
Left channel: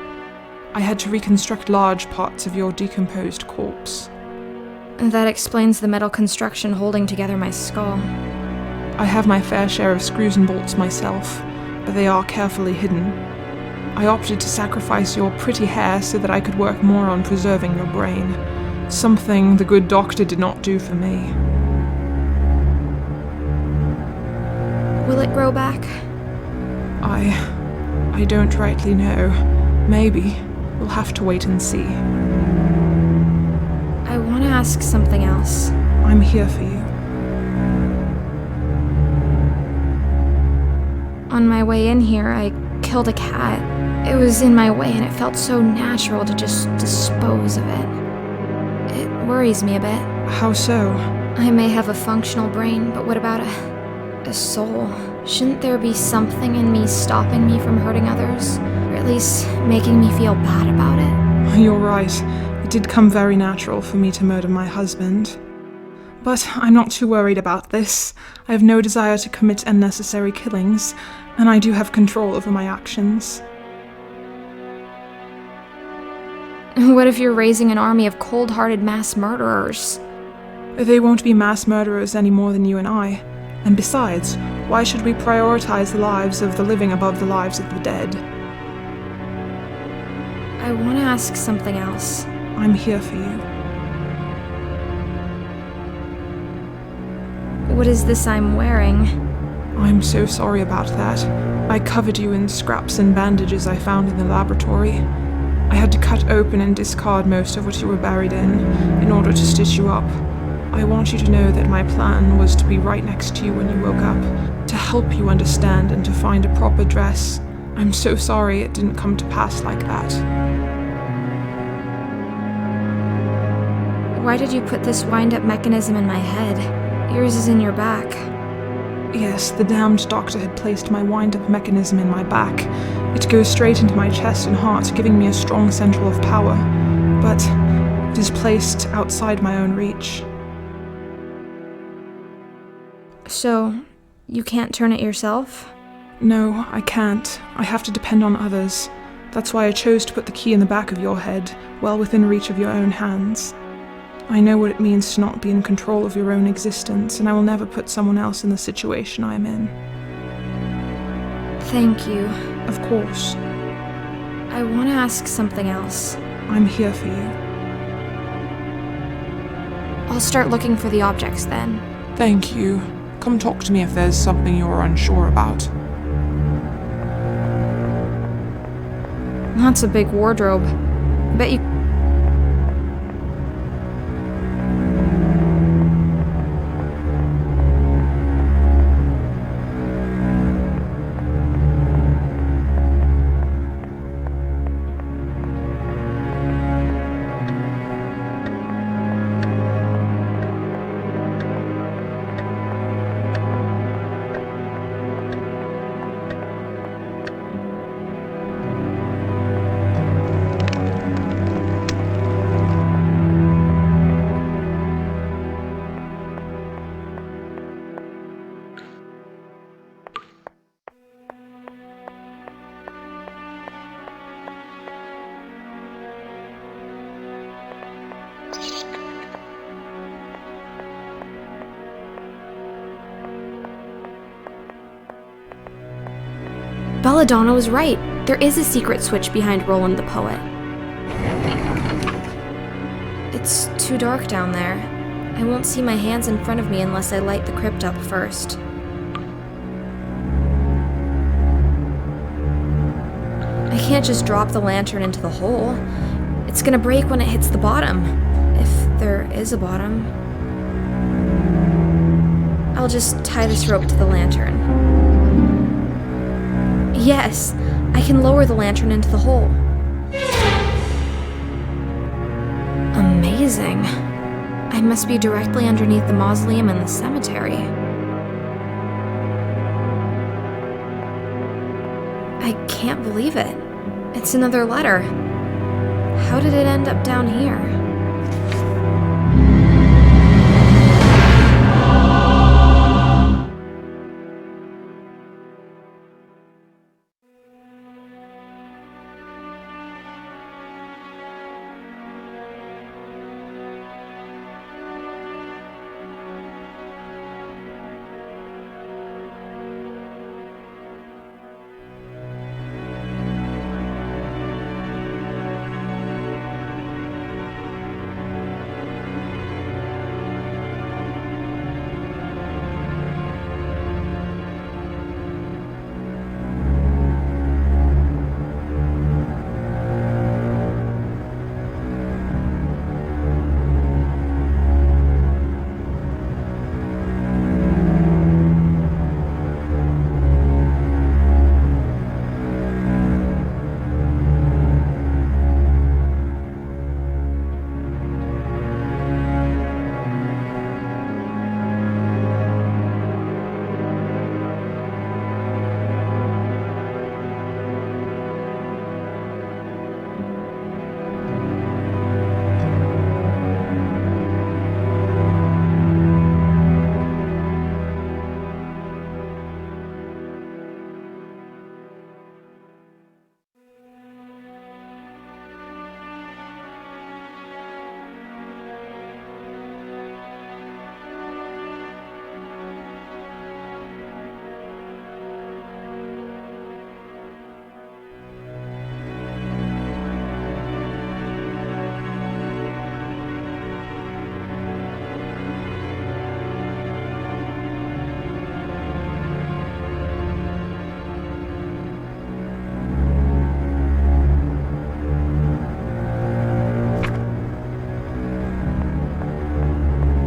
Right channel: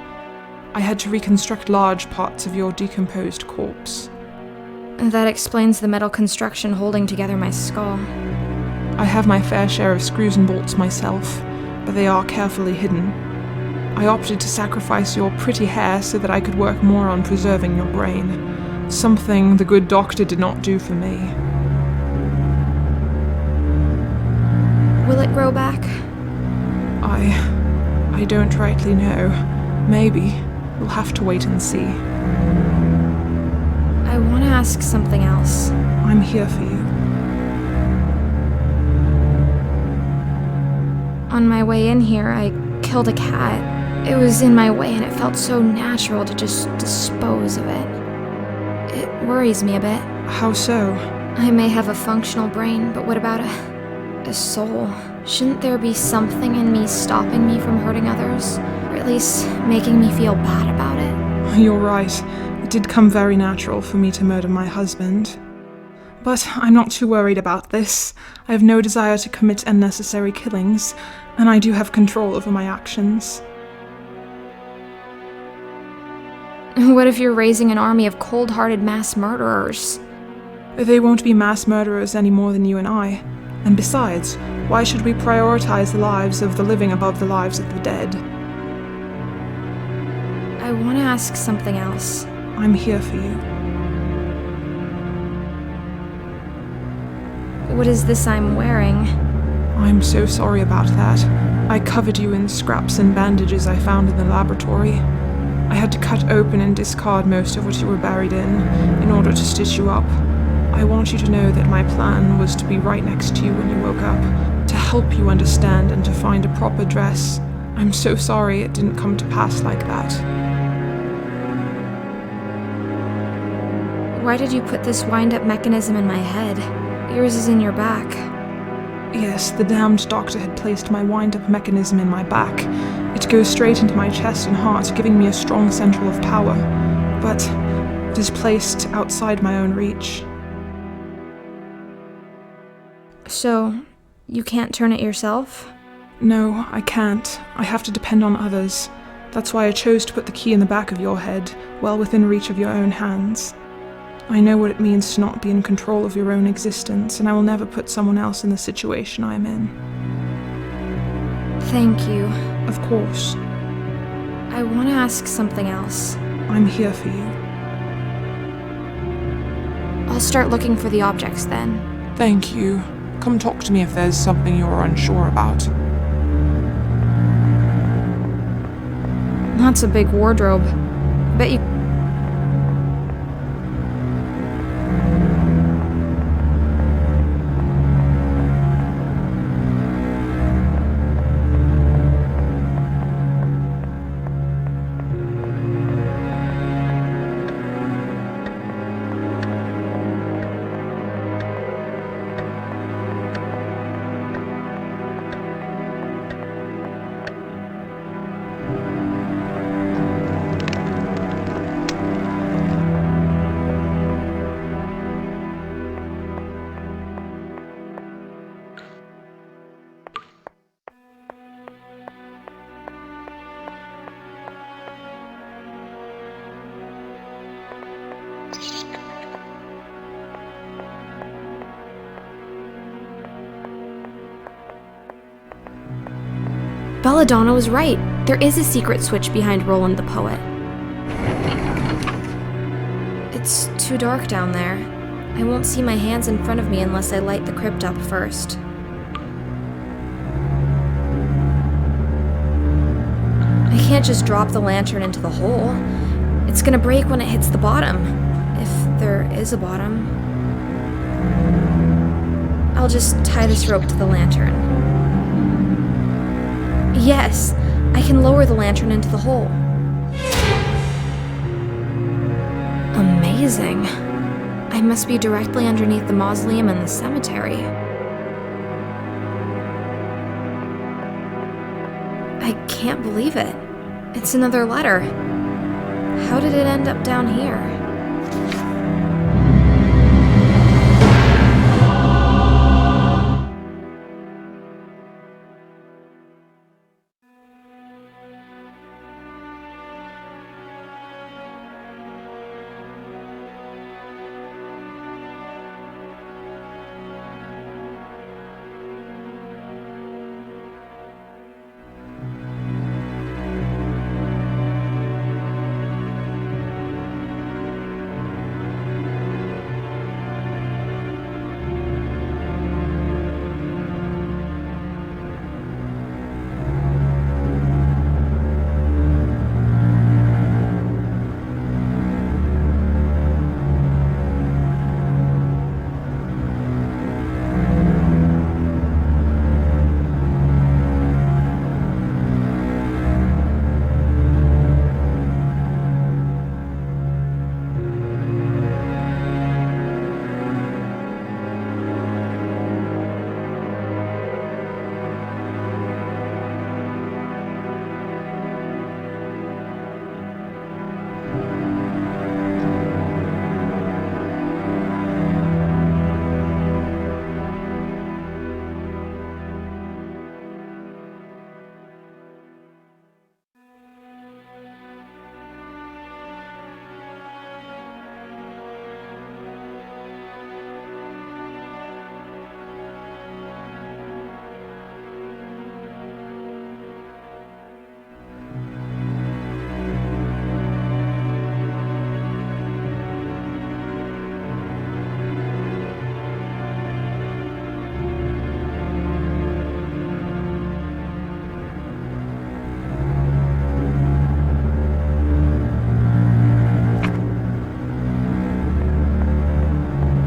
I had to reconstruct large parts of your decomposed corpse. That explains the metal construction holding together my skull. I have my fair share of screws and bolts myself, but they are carefully hidden. I opted to sacrifice your pretty hair so that I could work more on preserving your brain, something the good doctor did not do for me. Will it grow back? I don't rightly know. Maybe. We'll have to wait and see. I want to ask something else. I'm here for you. On my way in here, I killed a cat. It was in my way and it felt so natural to just dispose of it. It worries me a bit. How so? I may have a functional brain, but what about a soul? Shouldn't there be something in me stopping me from hurting others? Or at least making me feel bad about it? You're right. It did come very natural for me to murder my husband. But I'm not too worried about this. I have no desire to commit unnecessary killings, and I do have control over my actions. What if you're raising an army of cold-hearted mass murderers? They won't be mass murderers any more than you and I. And besides, why should we prioritize the lives of the living above the lives of the dead? I want to ask something else. I'm here for you. What is this I'm wearing? I'm so sorry about that. I covered you in scraps and bandages I found in the laboratory. I had to cut open and discard most of what you were buried in order to stitch you up. I want you to know that my plan was to be right next to you when you woke up, to help you understand and to find a proper dress. I'm so sorry it didn't come to pass like that. Why did you put this wind-up mechanism in my head? Yours is in your back. Yes, the damned doctor had placed my wind-up mechanism in my back. It goes straight into my chest and heart, giving me a strong central of power. But it is placed outside my own reach. So, you can't turn it yourself? No, I can't. I have to depend on others. That's why I chose to put the key in the back of your head, well within reach of your own hands. I know what it means to not be in control of your own existence, and I will never put someone else in the situation I am in. Thank you. Of course. I want to ask something else. I'm here for you. I'll start looking for the objects then. Thank you. Come talk to me if there's something you're unsure about. That's a big wardrobe. Bet you... Belladonna was right. There is a secret switch behind Roland the Poet. It's too dark down there. I won't see my hands in front of me unless I light the crypt up first. I can't just drop the lantern into the hole. It's gonna break when it hits the bottom. If there is a bottom. I'll just tie this rope to the lantern. Yes, I can lower the lantern into the hole. Amazing. I must be directly underneath the mausoleum and the cemetery. I can't believe it. It's another letter. How did it end up down here?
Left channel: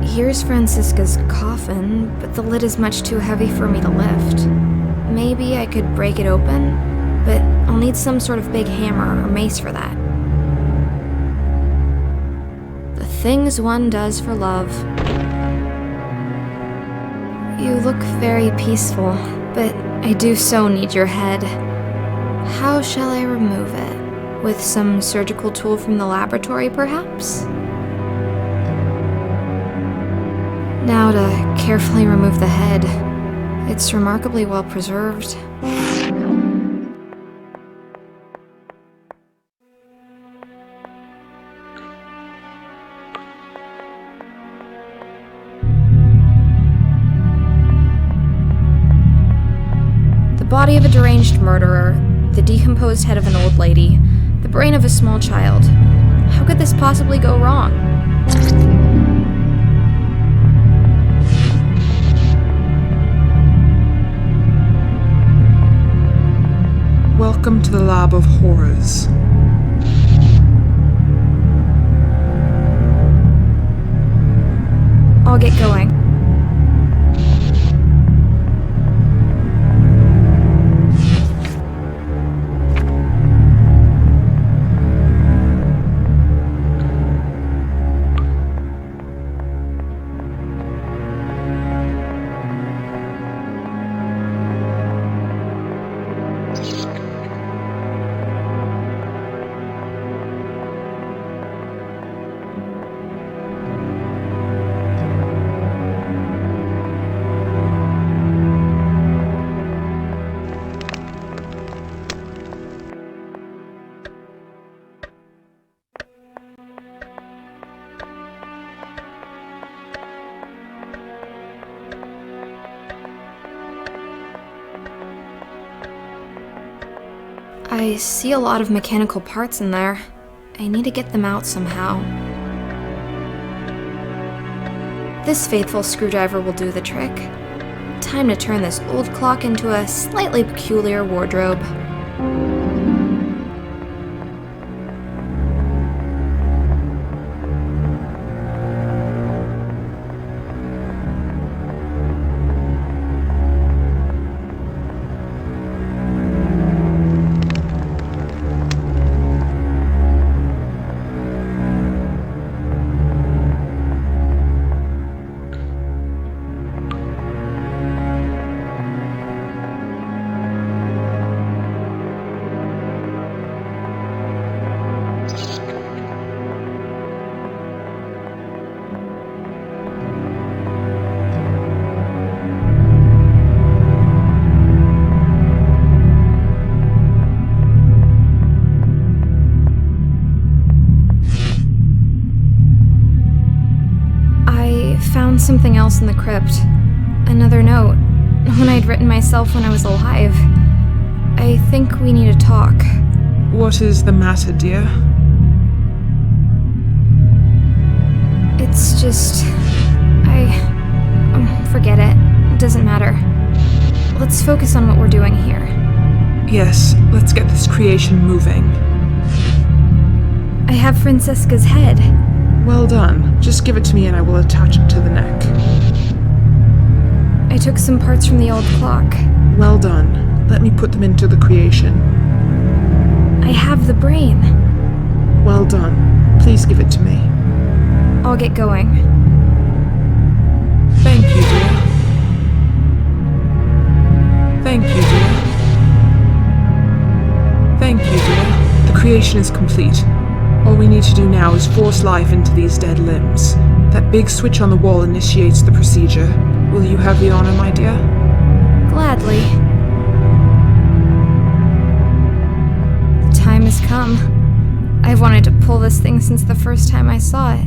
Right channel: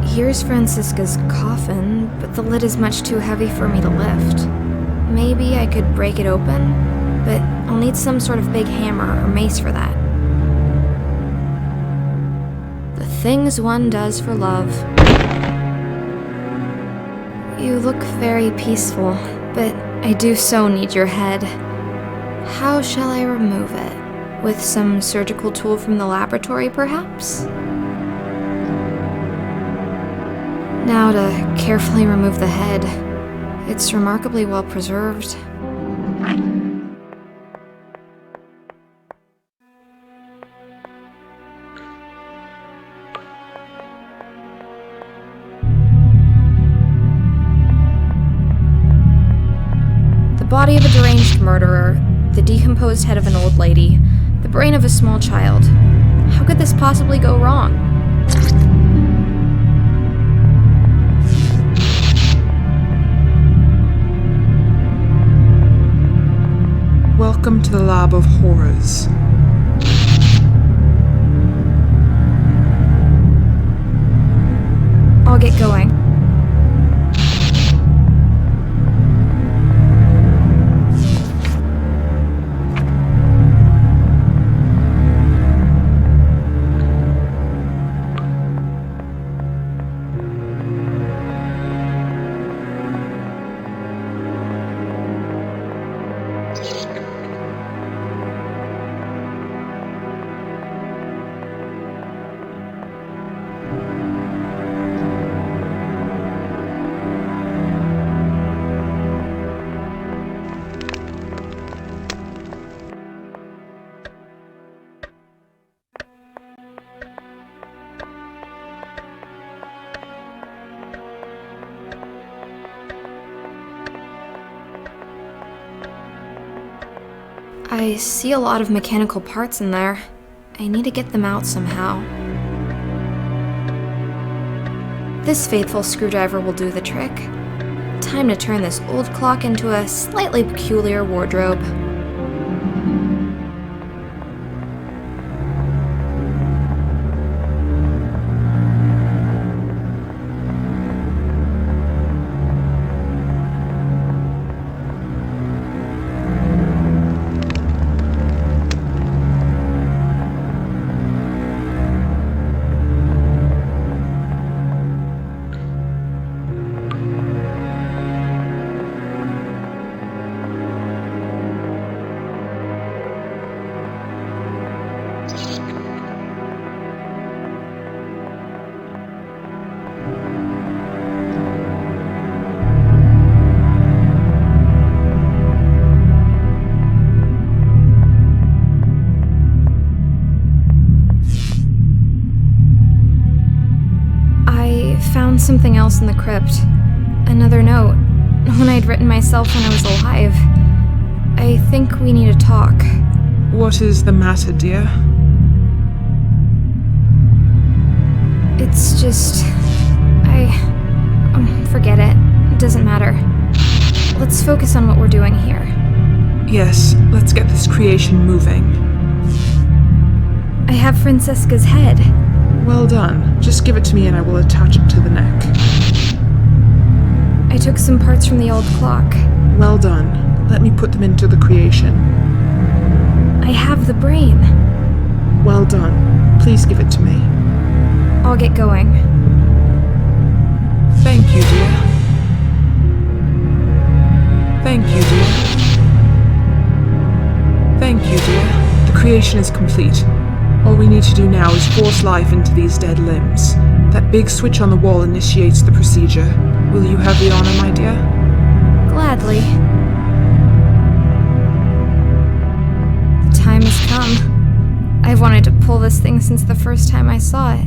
Here's Francisca's coffin, but the lid is much too heavy for me to lift. Maybe I could break it open, but I'll need some sort of big hammer or mace for that. The things one does for love. You look very peaceful, but I do so need your head. How shall I remove it? With some surgical tool from the laboratory, perhaps? Now to carefully remove the head. It's remarkably well preserved. The body of a deranged murderer, the decomposed head of an old lady, the brain of a small child. How could this possibly go wrong? Welcome to the Lab of Horrors. I'll get going. I see a lot of mechanical parts in there. I need to get them out somehow. This faithful screwdriver will do the trick. Time to turn this old clock into a slightly peculiar wardrobe. Found something else in the crypt. Another note. One I'd written myself when I was alive. I think we need to talk. What is the matter, dear? It's just... forget it. It doesn't matter. Let's focus on what we're doing here. Yes, let's get this creation moving. I have Francisca's head. Well done. Just give it to me and I will attach it to the neck. I took some parts from the old clock. Well done. Let me put them into the creation. I have the brain. Well done. Please give it to me. I'll get going. Thank you, dear. Thank you, dear. Thank you, dear. The creation is complete. All we need to do now is force life into these dead limbs. That big switch on the wall initiates the procedure. Will you have the honor, my dear? Gladly. The time has come. I've wanted to pull this thing since the first time I saw it.